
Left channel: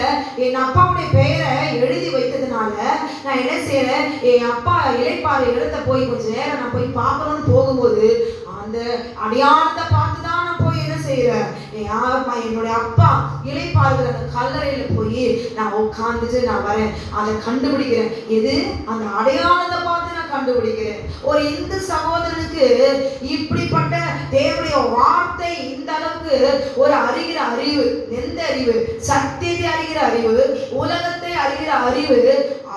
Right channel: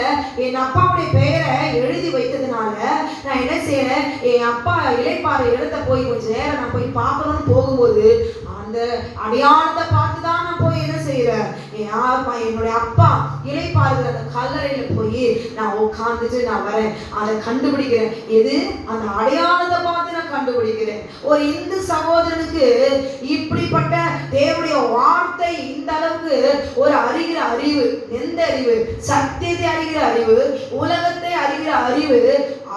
என் அப்பாவுடைய பெயரை எழுதி வைத்ததுனால நான் என்ன செய்யறேன்? என் அப்பா இளைப்பாறு இடத்தை போய் கொஞ்ச நேரம் நான் போய் பார்க்கணும்னு போகும்போது அந்த அடையாளத்தை பார்த்துதான் நான் போய் என்ன செய்யறேன்? என்னுடைய அப்பா இளைப்பாறுகிற அந்த கல்லறையில போய் நான் உட்கார்ந்துட்டு நான் வரேன், அதை கண்டுபிடிக்கிறேன். எது? அந்த அடையாளத்தை பார்த்து நான் கண்டுபிடிக்கிறேன். ஒரு இந்து சகோதரனுக்கு இப்படிப்பட்ட தேவனுடைய வார்த்தை இந்த அளவுக்கு ஒரு அறிகிற அறிவு, எந்த அறிவு? சத்தியத்தை அறிகிற அறிவு, உலகத்தை அறிகிற அறிவு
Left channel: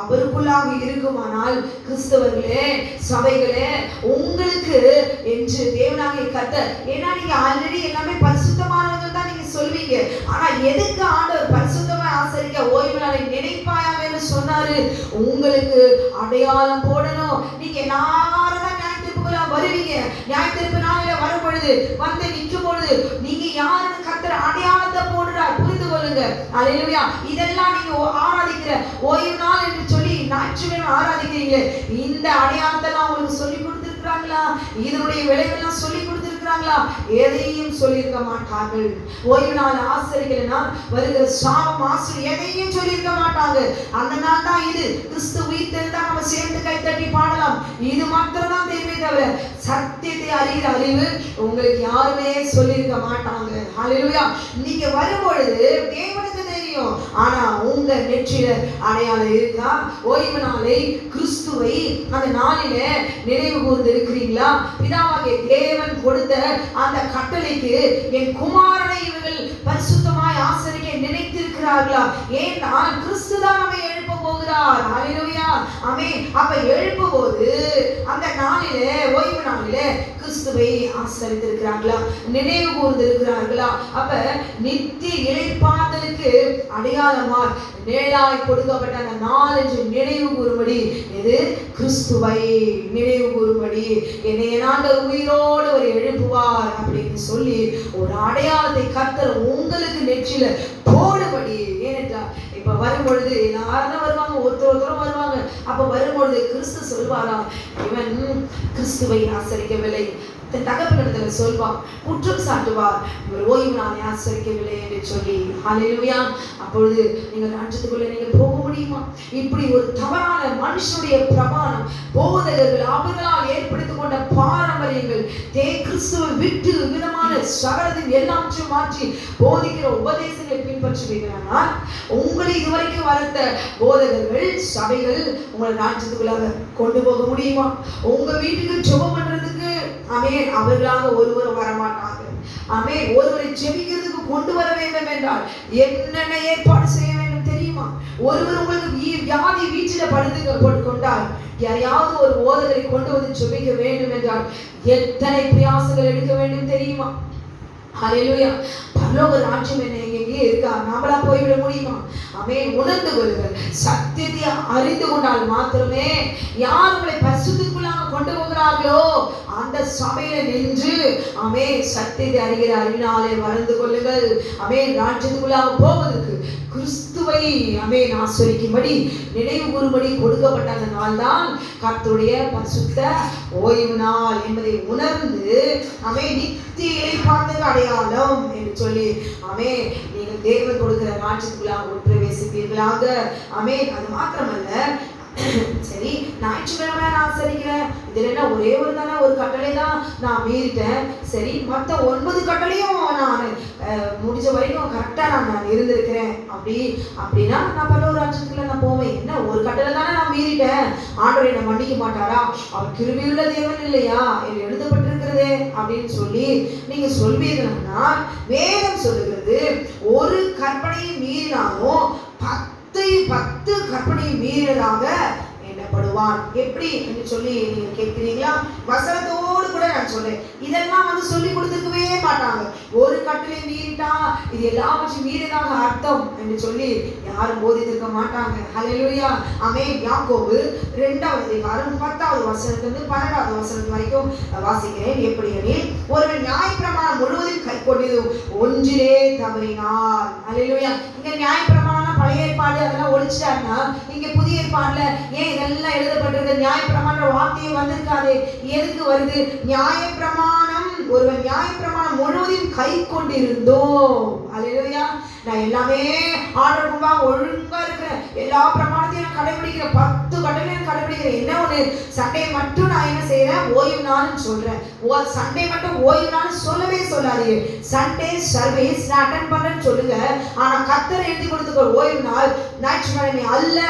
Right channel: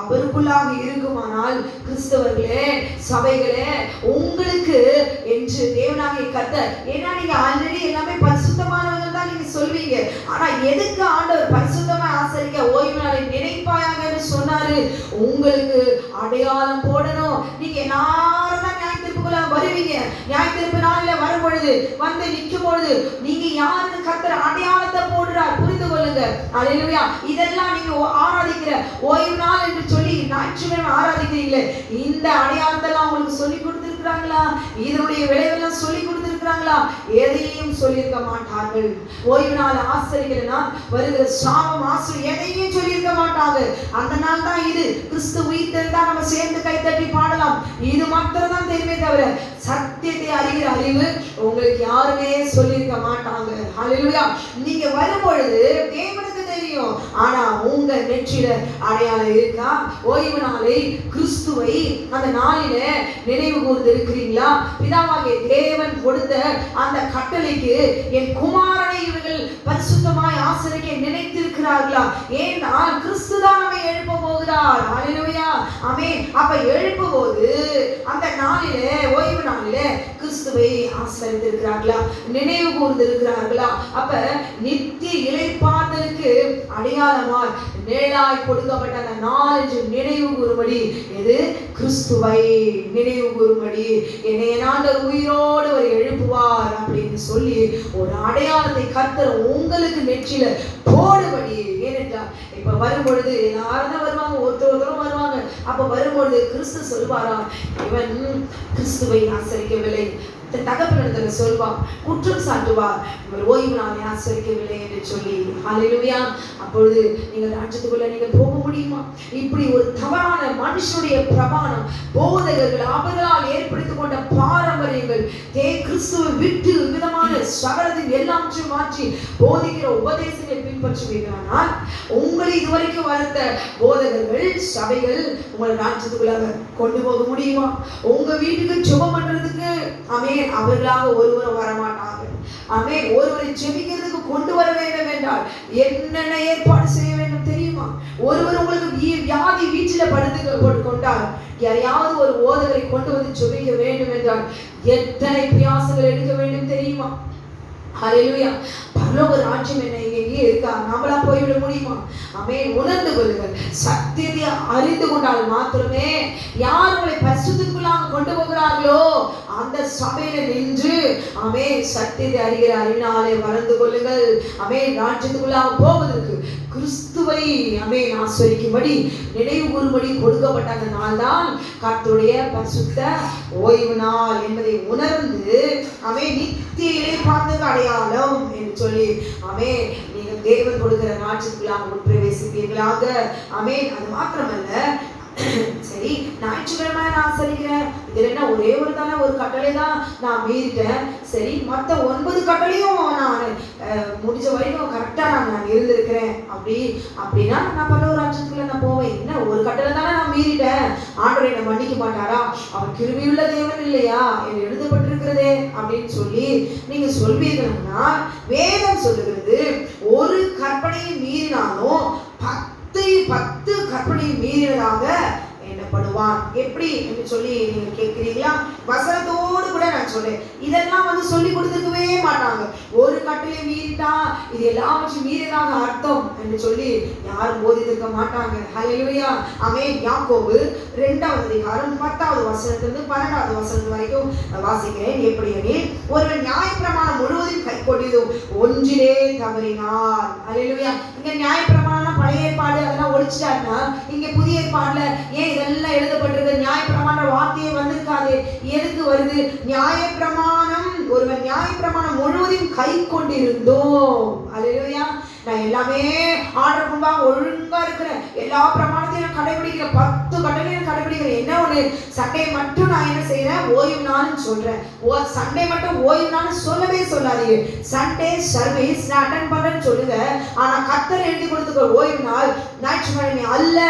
அவருக்குள்ளாக இருக்குமானால், கிறிஸ்தவர்களே, சபைகளே, உங்களுக்கு என்று தேவனாகிய கர்த்தர், ஏன்னா நீங்க ஆல்ரெடி எல்லாமே பரிசுத்தமானவங்க தான் நீங்க சொல்வீங்க. ஆனா எதுக்கு ஆண்டவர் பரிசுத்தமாய் ஆசரிக்க ஓய்வு நாளை நினைப்பாயாக என்று சொன்னாரு? உங்களுக்கு அடையாளம் போடணும். நீங்க எல்லாரும் தான் நியாயத்தீர்ப்புக்குள்ள வருவீங்க. நியாயத்தீர்ப்பு நாளில வரும் பொழுது, வந்து நிற்கும் பொழுது, நீங்க யாருன்னு கர்த்தர் அடையாளத்தை போடுறார், புரிந்து கொள்ளுங்க. அல்லேலூயா. இதெல்லாம் நீங்க ஆராதிக்கிற ஓய்வு நாள் என்று சொல்லி ஞாயிற்றுக்கிழமை ஆராதிக்கிறீங்களே, இந்த அடையாளத்தெல்லாம் உங்களுக்கு சொல்லி கொடுத்திருக்கிறாங்களா? இதனுடைய விளைவெல்லாம் சொல்லி கொடுத்திருக்கிறாங்களா? எதையும் சொல்லியிருக்க மாட்டார்கள். ஓய்வு நாள் ஆசரிக்கிறனா வருகிற சாபம் ஆசிரியர் எதையும் சொல்லியிருக்க மாட்டாங்க. அந்த நாள் தான் இது. கிறிஸ்து உயிர் தெரிந்தா நம்ம சேர்ந்து கைத்தட்டி பாடலாம். இது மாத்திரம் தான் தெரியுமே தவிர சத்தியத்தை அறிகிற அறிவு உங்களுக்கு யாருமே சொல்லியிருக்க மாட்டாங்க. ஹல்லேலூயா. நீங்க வரும்பொழுது தேவனுக்கு தெரியும். ஆனா உங்க நெற்றில அடையாளம் இருக்கா? ஓய்வு நாளை, கிறிஸ்துவை அந்த நாளில நினைவு கூர்ந்து இருக்கிறீங்களா? பிதாவாகிய தேவன் கொடுத்த அந்த கட்டளைக்கு என் குமாரனை இவர்கள் பரிசுத்தமாய் ஆசரிக்க நினைத்திருக்கிறார்களா? ஏன்னா கிறிஸ்து தான் நம்மை எழுப்ப போகிறார். ஹல்லேலூயா. ஆமென். அப்ப எழுப்பும் போது அந்த நாளிலே, ஓய்வு நாளிலே கிறிஸ்துவை ஆசரித்திருக்கிறார்களா? நினைவு கூர்ந்து இருக்கிறார்களா? அப்ப நித்திய இளைப்பாறுதலுக்கு அடையாளமா நேராய் கொடுக்கப்பட்ட அந்த நாலஞ்சு நினைவு கூறும்படி, எது? கிறிஸ்துவை நினைவு கூறும்படி என்னைய ஆண்டவர் உயிரோடு ஒரு எழுப்புவார் அப்படின்னு சொல்லி ஒரு அடையாளத்தை கர்த்தர் உங்களுக்கு நெற்றில போடும்படி. ஏனென்றால் இப்ப வரும்பொழுது எல்லாரும் தான் வருவாங்க, ஒருத்தரும் வருவாங்க. அப்ப வரும்பொழுது கிறிஸ்து சொல்வாரா, இவன் கிறிஸ்துவை ஆசரிக்கவில்லை, தகப்பனிடத்துல சொல்வார், குற்றம் சாட்டுவார், இவர் ஓய்வு நாளை ஆசரிக்கவில்லை என்று சொல்லி. ஹல்லேலூயா. அப்பொழுது நீங்க ராஜ்யத்துக்குள்ள நீங்க போக முடியுமா? இப்படி ஒரு தவறான மனுஷனுடைய பிரமாணம், போதகர்கள் அவர்களால் ஏற்படுத்திக் கொண்ட பாரம்பரியங்கள், கிறிஸ்துவை விட்டு விதமான சகலத்தையும் எல்லாவற்றையும் மாற்றி போதிக்கிற உபதேசங்களை பின்பற்றுவீர்களானால், உங்களை இதுவரைக்கும் வளர்த்த போதகர்கள், சபைகள் உங்களை ராஜ்யத்துக்குள்ளாக கொண்டு போக முடியுமா? உங்க வீட்டுக்கு ஜெபம் பண்றதுக்கு அவர்களாக ஒருவரும் வரமாட்டாங்க. ஆமென். ஒருவரை ஜெபிக்கிறதுக்கு கொண்டு வர வேண்டும் என்றால் என்னென்ன ஏற்பாடு செய்ய வேண்டும் தெரியுமா? ஒருவர் உங்களுக்கு வியாதி வீட்டில படுத்து கொண்டால், யாரையாவது ஒரு போதகரை கொண்டு வந்து ஜெபிக்க வேண்டும் என்றால் எத்தனை பிரயாசங்கள் எடுக்க வேண்டும் தெரியுமா? ஹல்லேலூயா. பரலோக ராஜ்யம் என்ன எங்கே இருக்கா? நம்மளா போய்விட முடியுமா? ஆமென். உணர்ந்து கொள்ளுங்கள். சத்தியத்தை அறிந்து கொண்டால் மாத்திரமே, யார் உங்களை பரிசுத்தத்துக்குள்ளாக கொண்டு போகிறார்களோ அந்த சபையில நின்று சத்தியத்தை அறிகிற அறிவினாலே வளர்ந்து கொள்ளுங்கள். ராஜ்யத்துக்குள்ளாக போவதற்கு கிறிஸ்துவை ஆசரிக்கும்படி நினைவு கூறும்படி கொடுக்கப்பட்ட அந்த நாள் தான் கர்த்தருடைய பரிசுத்த ஓய்வு நாள் என்பதை உணர்ந்து நித்திய இளைப்பாறுதலுக்கு அடையாளம் என்று சொல்லி நீங்கள் தேவன் கொடுக்கிற ராஜ்யத்துக்குள்ளாக உட்பிரவேசிப்பீர்களாக. அது மாத்திரமல்ல, சரி ஞாயிற்றுக்கிழமை நான் ஆசரிக்கிறேன், இதுல என்ன ஒரே ஒரு தானே ஒரு கட்டளை தான் நான் மீறிட்டேன், சரி மற்ற 9 கட்டளையும் நான் முடிஞ்ச வரைக்கும் கரெக்டா நான் இருந்திருக்கிறேன் அப்படின்னா நான் பரலோக ராஜ்யத்துக்குள்ள நான் போவேன். என்ன ஒரு கட்டளை தானே நான் மீறிட்டேன், ஆண்டவரை என்னை மன்னிக்க மாட்டாரா? அவர் கிருபையுள்ள தேவன் இல்லையா? எழுதப்பட்டிருக்கிறதே அப்படின்னு சொல்லி நீங்க சொல்வீங்கன்னா, வேதம் சொல்லுகிறது ஒரு கற்பனையை மீறினாலும் 10 கற்பனையை மீறினதாக எண்ணப்படுவான். எப்படி என்று சொல்லி நீங்க கேட்கிறீங்களா? வசனத்தோடு கூட நான் சொல்றேன். இதெல்லாம் சொல்லி கொடுத்துக்கவே மாட்டாங்க. ஒரு கட்டளை மீறிட்டா இது எல்லாவற்றையும் மீறினதாக அர்த்தம் என்று சொல்லி யாரும் போதித்திருக்க மாட்டாங்க. ஹல்லேலூயா. யாக்கோபு 2வது அதிகாரம் 10வது வசனத்திலிருந்து 12வது வசனம் வரைக்கும் வாசிக்கிறேன். எப்படி எனில், ஒருவன் நியாயப்பிரமாணம் முழுவதும் கை கொண்டதும் ஒன்றிலே தவறினார். ஹல்லேலூயா. இங்க நியாயப்பிரமாணம் பழைய ஏற்பாடு அதெல்லாம் ஒழிச்சிட்டாருன்னா, இங்க புதிய ஏற்பாடுல ஏன் இதெல்லாம் எழுதப்பட்டிருக்க? நியாயப்பிரமாண வார்த்தையே வந்திருக்காது. எதுக்கு வருது? நியாயப்பிரமாணம், ஒருவன் நியாயப்பிரமாணம் முழுவதையும் கை கொண்டிருந்தோம். அல்லேலூயா. நான் எல்லாமே ஆர்டர் முன்பாக ஒழுங்கா இருக்கிறேன், எல்லா பிரமாணத்தையும் நான் கடைபிடிக்கிறேன், 10 கட்டளையும் கடைபிடிக்கிறேன். என்ன ஒண்ணு, சண்டே மட்டும் நான் என்ன செய்யறேன், ஓய்வு நாள்னு சொல்றேன். சண்டே மட்டும் ஓய்வு நாள் சொல்லவே சொல்லாதீங்க. சண்டே சர்வீஸ் நான் அட்டெண்ட் பண்றேன்னு சொல்லுங்க. ஆனா கர்த்தர் எழுதி கொடுத்துக்க ஓய்வு நாள் ஞாயிற்றுக்கிழமை அல்ல,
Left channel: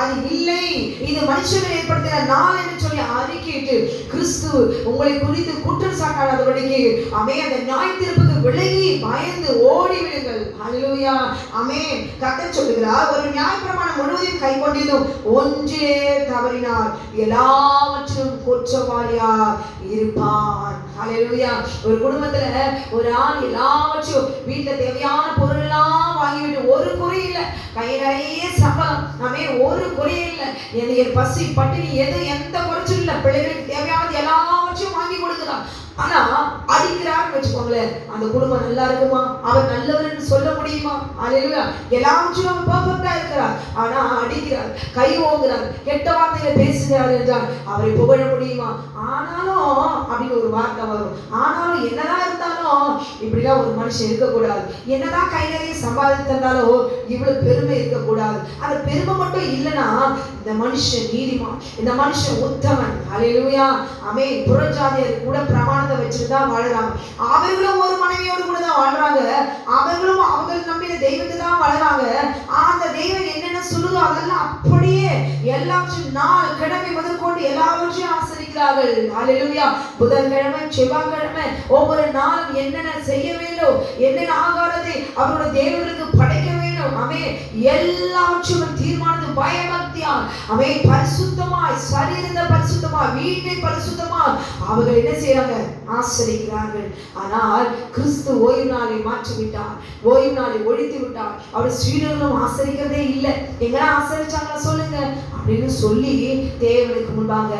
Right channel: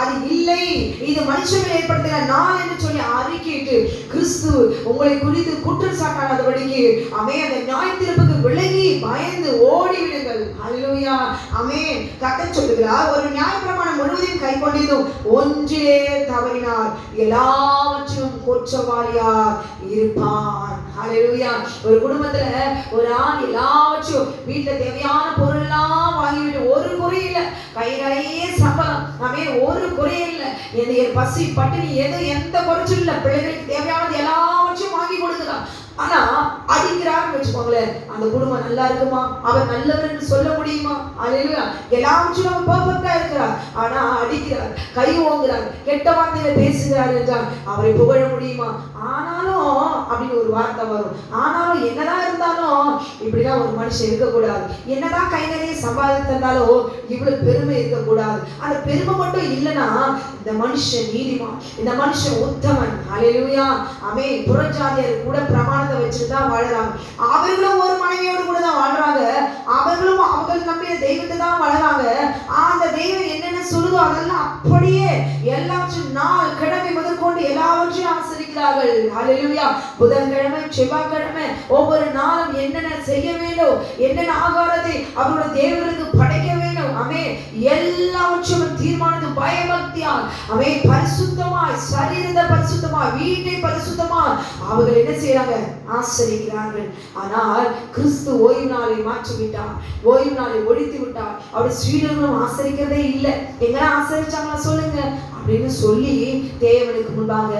அது இல்லை, இது மனுஷர்கள் ஏற்படுத்தின நாள் என்று சொல்லி அறிக்கையிட்டு கிறிஸ்து உங்களை குறித்து குற்றம் சாட்டாதபடிக்கு அந்த ஞாயிற்றிருப்புக்கு விலகி பயந்து ஓடிவிடுங்கள். ஹல்லேலூயா, ஆமென். கர்த்தர் சொல்லுகிறார், ஒரு நியாயப்பிரமாணம் முழுவதையும் கை கொண்டிருந்தும் ஒன்றே தவறினார் எல்லாவற்றிலும் குற்றவாளியார் இருப்பான். ஹல்லேலூயா. ஒரு குடும்பத்துல ஒரு ஆள் எல்லாவற்றையும் வீட்டுல தேவையான பொருள் எல்லாம் வாங்கிவிட்டு ஒரு குறை இல்லை, கை நிறைய சம்பளம், ஒரு குறை இல்லை, எனக்கு பசி பட்டினி எந்த குறைச்சும் இல்லை, பிள்ளைகளுக்கு தேவையானது எல்லாவற்றையும் வாங்கி கொடுக்குறான். ஆனா அடிக்கிறான்னு வச்சுக்கோங்களேன், அந்த குடும்பம் நல்லா இருக்குமா, அவர் நல்லவர் சொல்ல முடியுமா? அல்லேலூயா. எல்லாவற்றையும் பெர்ஃபெக்ட்டா இருக்கிறார், ஆனா அடிக்கிறார், கை ஓங்குறார், கெட்ட வார்த்தையில பேசுகிறார் என்றால் அவரை புகழ முடியுமா? ஆனாலும் அப்படின்னு ஒரு வார்த்தை வரும். ஆனாலும் என்னதான் இருந்தாலும் இப்படிலாம் ஒரு மனுஷன் இருக்கக்கூடாது, என்னதான் கை நிறைய சம்பாதித்திருந்தாலும் இவ்வளவு பெருமை இருக்கக்கூடாது. அந்த பெருமை மட்டும் இல்லைன்னா இந்த மனுஷன் நீதிமான், இந்த மனுஷன் உத்தமன். ஹல்லேலூயா, ஆமென். புறஜாதியர் கூட பிரமாணத்தை வச்சுட்டு தான் வாழறாங்க. அவர்களும் ஒரு மனைவியோடு கூட தான் வாழ்றாங்க, அவர்களும் அவர்கள் நம்பிய தெய்வத்தை தான் வளராங்க. அந்த தெய்வம் என்னென்ன சொல்லுதோ அதெல்லாம் அப்படியே எல்லாவற்றையும் நாள் கிழமை முதற்கொண்டு எல்லாவற்றையும் ஆசரிக்கிறார்கள். ஹல்லேலூயா. புதன்கிழமை செவ்வாய்க்கிழமை ஒவ்வொரு நாளும் என்னென்ன செய்ய வேண்டும், என்னென்ன ஆகாரத்தை அவருடைய தேவர்களுக்கு படைக்க வேண்டும், எல்லாவற்றையும் தீர்மானித்து பயபக்தியால் பரிசுத்தமாய், சரீரத்தை பரிசுத்தமாய், வீட்டை பரிசுத்தமாய் அவர்கள் என்ன செய்யறாங்க, ஆசரிக்கிறார்கள். ஆனால் கிறிஸ்து ஓய்வு நாளை மாற்றிவிட்டார், ஓய்வு நாளை ஒழித்து விட்டார். அவருடைய சீடர்களும் ஆசரிக்கிறதே இல்லை. எங்கெல்லாம் ஆசரிச்சாங்களா சொல்லுங்க அப்படின்னு சொல்லி தேவனுக்கு முன்பாக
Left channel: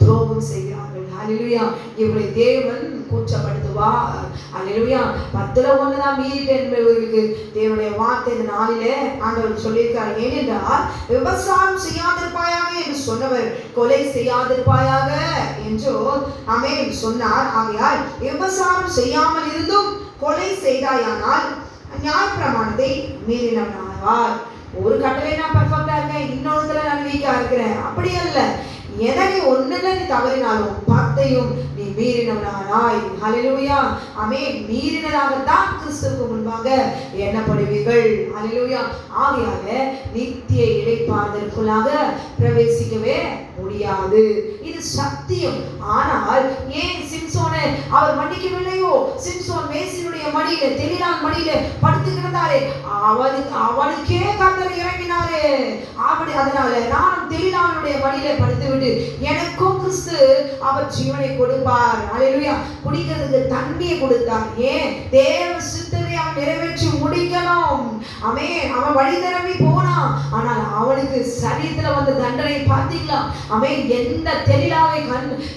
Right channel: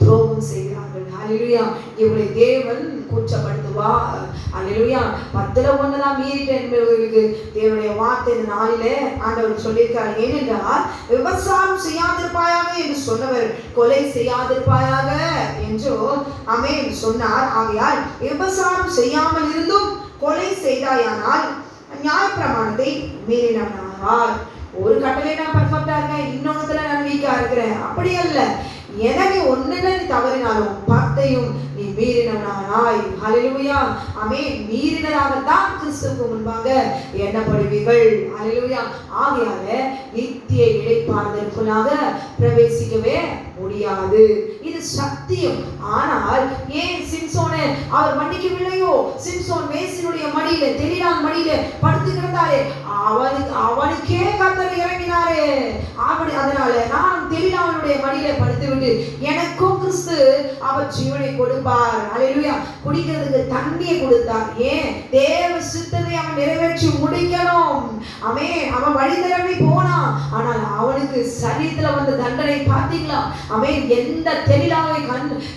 துரோகம் செய்கிறார்கள். அல்லேலூயா. இவரை தேவன் கூச்சப்படுத்துவார். அல்லேலூயா. 10ல் 1 தான் மீறிட்டேன் என்பவர்களுக்கு தேவனுடைய வார்த்தை இந்த நாளிலே ஆண்டவர் சொல்லியிருக்கார். ஏனென்றால் விபசாரம் செய்யாதிருப்பாயாக என்று சொன்னவர் கொலை செய்யாதிருப்பாயாக என்றோ சொன்னார். ஆகையால் விபசாரம் செய்யாமல் இருந்தும் கொலை செய்தாயானால் நியாயப்பிரமாணத்தை மீறினார். ஒரு கட்டளை நான் பர்ஃபெக்டா இருக்கேன், இன்னொருத்துல நான் வீக்கா இருக்கிறேன், அப்படி அல்ல. எதனை ஒண்ணுல நீ தவறினாலும் 10ஐயும் நீ மீறினவனாய், ஹல்லேலூயா, மீறினதாகத்தான் கிறிஸ்துவுக்கு முன்பாக எண்ணப்படுவீர்கள். ஹல்லேலூயா. ஆகையால நித்திய இளைப்பாறுதலுக்குள்ளாக பிரவேசிக்கவே முடியாது, இது சத்தியம். ஆனால் ஏன் சிம்சோனை அவர் மன்னிக்கவில்லையோ? சிம்சோன் மேசினுடைய மடியில, தெலிலாள் மடியில படுத்து கிடந்தாரே, அவனுக்கே கர்த்தர் இறங்கினாரே. அதனால நான் தெலிலாளுடைய மடியில படுத்து விட்டு எனக்கும் கிறிஸ்து அவர் ஜீவனை கொடுப்பார். அல்லேலூயா. குடிக்கிறதுக்கு தண்ணியை கொடுத்தார். ஏன்? தேவ சித்தத்தை அவன் நிறைவேற்றி முடிக்கணும். அவன் வழி தரவி போனான். ஆனால் அவனுக்கு சரீரத்துல வந்த தண்டனை பார்த்தீங்களா? எந்த தெளிலாவை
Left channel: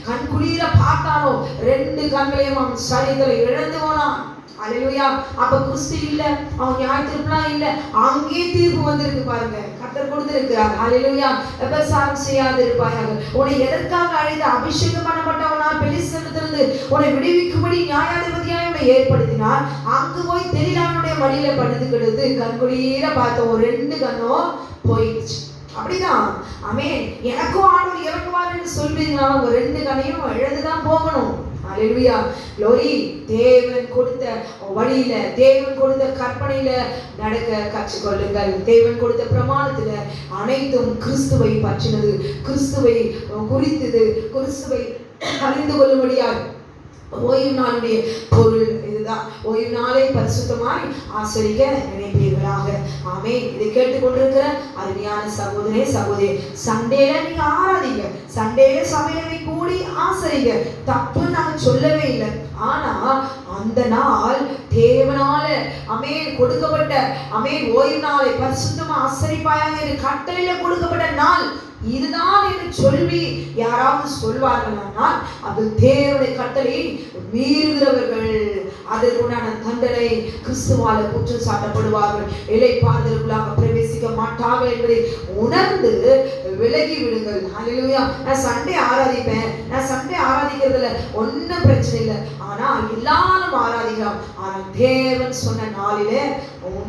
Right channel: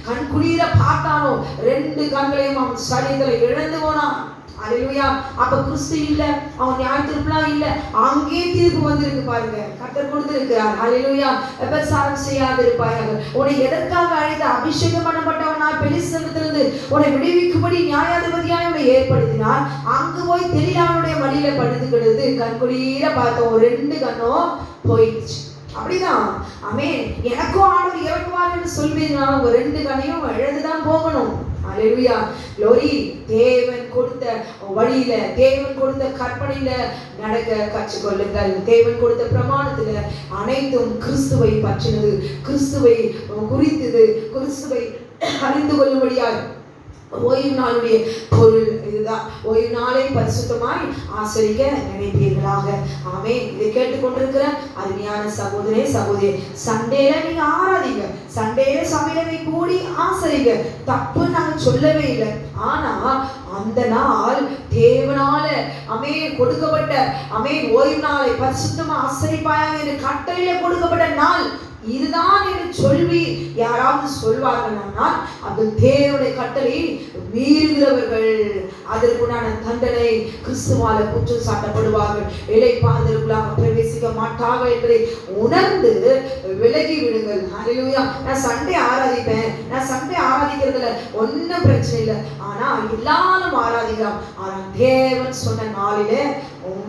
கண் குளிர பார்த்தானோ 2 கண்களையும் அவன் சரீரத்துல இழந்து போனான். அல்லேலூயா. அப்ப கிறிஸ்து இல்ல, அவன் நியாயத்தீர்ப்புலாம் இல்ல, அங்கே தீர்ப்பு வந்திருக்கு பாருங்க, கர்த்தர் கொடுத்திருக்கிறார். அல்லேலூயா. விபசாரம் செய்யாதிருப்பாயாக. உன்னை எதற்காக அழைத்து அபிஷேகம் பண்ணப்பட்டவனா பெலிஸ்தரிடத்திலிருந்து உன்னை விடுவிக்கும்படி நியாயாதிபதியாய் உன்னை ஏற்படுத்தினார். அங்கு போய் தெளிலானுடைய மடியில படுத்து கிடந்து கண்குளிர பார்த்தோம், 2 கண்ணும் போயிடுச்சு. அப்படிதான் எனக்கும் ஆண்டவர் இறங்குவார் என்று சொல்வீங்கன்னா உங்க 2 கண்ணையும் இழந்துதான் போகணும். அல்லேலூயா. glory. தேவன் கொடுத்த வழியில, தேவன் கொடுத்த கற்பனையில நடக்க கற்றுக்கொள்ளுங்கள். தேவன் கொடுத்த பிரமாணத்துல அனைத்தும் கிறிஸ்துவை பற்றினது, கிறிஸ்துவை குறித்தது, கிறிஸ்துவை அறிந்து கொள்ளும்படியாய் ஓய்வு நாளுடைய பொருள் இதுதான். ஓய்வு நாளை பரிசுத்தமாய் ஆசரிக்க நினைப்பீர்களாக. இதை கேட்டுக்கொண்டிருக்கிற அருமையான சகோதரே, சகோதரி, சண்டேல நீங்க ஆராதிங்க, சண்டேல சமையலை கூடி ஆசரிங்க, தப்பு நான் சொல்லவே இல்லை. ஆனா அந்த நாள் தேவனால கொடுக்கப்பட்ட ஓய்வு நாளை பரிசுத்தமா ஆசரிப்பாயாக என்று கட்டளையில கொடுக்கப்பட்ட நாள் இதுதான் என்று சொல்லி யாராவது சொல்வார்கள், அது தேவனுடைய கட்டளை மீறுகிறவர்கள் அதற்குண்டான தண்டனை கிறிஸ்துவால குற்றம் சாட்டப்படுவார்கள், இளைப்பாறுதலுக்குள்ளாக பிரவேசிக்க மாட்டார்கள் என்பதை உணர்ந்து விலகி விடுங்கள். ஹல்லேலூயா. நான் சண்டே ஆராதிப்பேன், நான் சண்டே ஆராதிக்கிறதுல ஒன்னும் பிரச்சனை இல்லை, ஆனா எல்லாரும் ஆராதிக்கலாம். ஆனால் தேவன் சொன்ன நாளிலே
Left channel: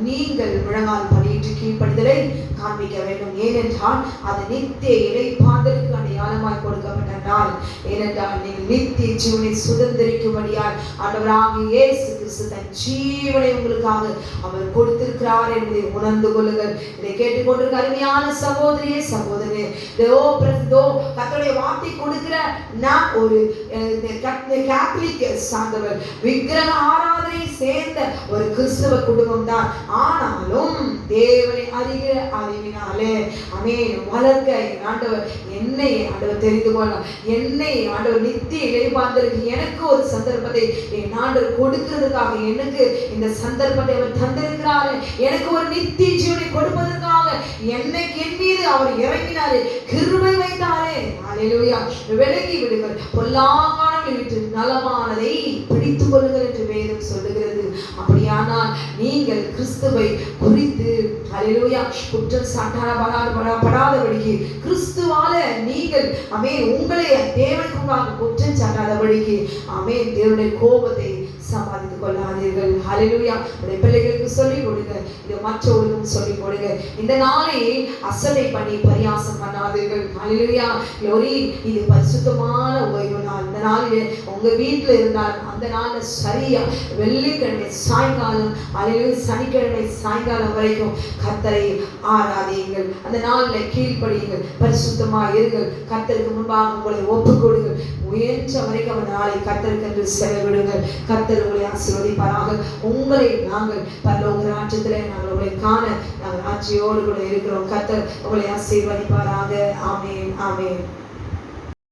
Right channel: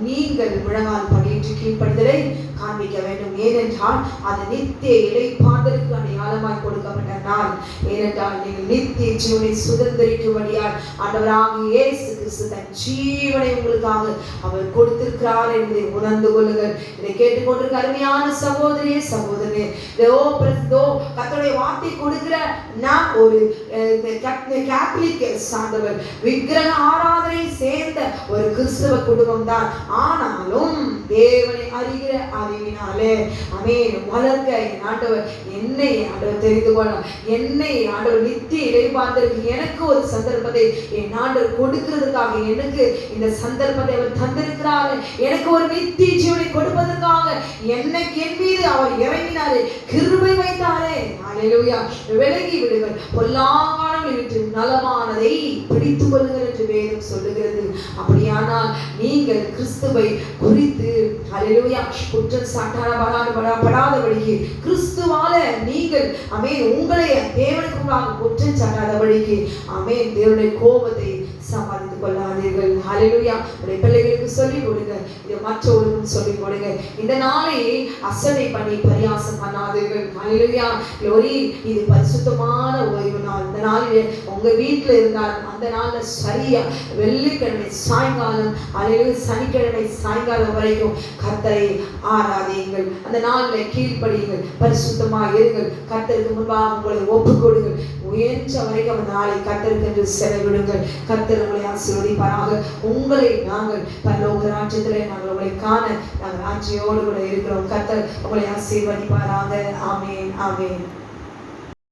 நீங்கள் முழங்கால் படியிட்டு கீழ்ப்படிதலை காண்பிக்க வேண்டும். ஏனென்றால் அது நித்திய இளைப்பாறுதலுக்கு அடையாளமாய் கொடுக்கப்பட்ட நாள். ஏனென்றால் நீங்கள் நித்திய ஜீவனை சுதந்திரிக்கும்படியால் ஆண்டவராகிய இயேசு கிறிஸ்து தன் ஜீவனை உங்களுக்காக அவர் கொடுத்திருக்கிறார் என்பதை உணர்ந்து கொள்ளுங்கள். இதை கேட்டுக்கொண்டிருக்க அருமையான சகோதரியே சகோதரனே, கர்த்தருடைய வார்த்தை கொடுக்கிற நான் ஒரு கேத்தலிக் சார்ந்தவர், விக்கிரக ஆராதனை சேர்ந்த ஒரு கிறிஸ்தவ குடும்பம் தான். ஆனாலும் தேவனை அறிகிற அறிவினாலே ஆமென் வளர்க்க என் ஆண்டவர் என்னை ஆண்டவர் தெரிந்து கொள்ள, என்னை ஆண்டவர் நித்திய இளைப்பாறுதலுக்கு எனக்கு ஒரு சந்தர்ப்பத்தை என் ஆண்டவர் கொடுக்கிறதுக்காக எனக்கு இந்த சந்தர்ப்பத்தை அவர் தந்திருக்கிறார். எனக்கு ஒரு நித்திய ஜீவனை கொடுப்பதற்காக என்னைக்கு என் மீது அவர் இறங்கினாரே, கிருபை வைத்தாரே. அல்லேலூயா. விலகி விடுங்கள், பொல்லாங்கானங்களை விட்டு நலமானதை பிடித்துக் கொள்ளுங்கள் என்று வேதம் சொல்லுகிறது. அப்படியானால் நீங்கள் கிறிஸ்துவை குறித்து அல்லேலூயா குற்றம் சாட்டாடப்படாதபடிக்கு, கிறிஸ்துவால நீங்கள் ஆமென் உங்களை தேவனுக்கு முன்பாக குற்றம் சாட்டாதபடிக்கு ஆமென் தேவனுடைய கோபத்தை சம்பாதித்துக் கொள்ளாதீர்கள். ஹல்லேலூயா. உடைய பிள்ளைகளுக்கு சொல்லிக் கொடுங்க, இது மற்றவர்களுக்கும் சொல்லிக் கொடுங்க. இந்த நாளை அசட்டை பண்ணி பரியாசம் பண்ணாதீர்கள். ஹல்லேலூயா. லோரி இது பரிசுத்தமான ஓய்வு நாள். இந்த நாளிலே உங்க வீட்டில் இருந்தால் அந்த நாள்ல சரியா வெள்ளிக்கிழமை சாயங்காலம் அல்லது சனிக்கிழமை சாயங்காலம் வரைக்கும் கர்த்தரை ஆராதியுங்கள். அந்த நாளில் கீழ்ப்படியுங்கள், பரிசுத்தமா இருங்கள், கர்த்தருக்கு முன்பாக உங்களை ஒப்புக் கொடுங்கள். உயர்ந்த வரைக்கும் அந்த நாளை கர்த்தருக்கு என்று செலவிடுங்கள். கர்த்தர் உங்களை ஆசீர்வதிப்பாராக. உங்களை நாங்கள் பரலோக ராஜ்யத்திலே நாங்கள் உங்களை காண நாங்கள் ஆட்சியோடு கூட இருக்கிறோம். கர்த்தர் உங்களை ஆசீர்வதிப்பாராக. ஆமென் ஆமென்.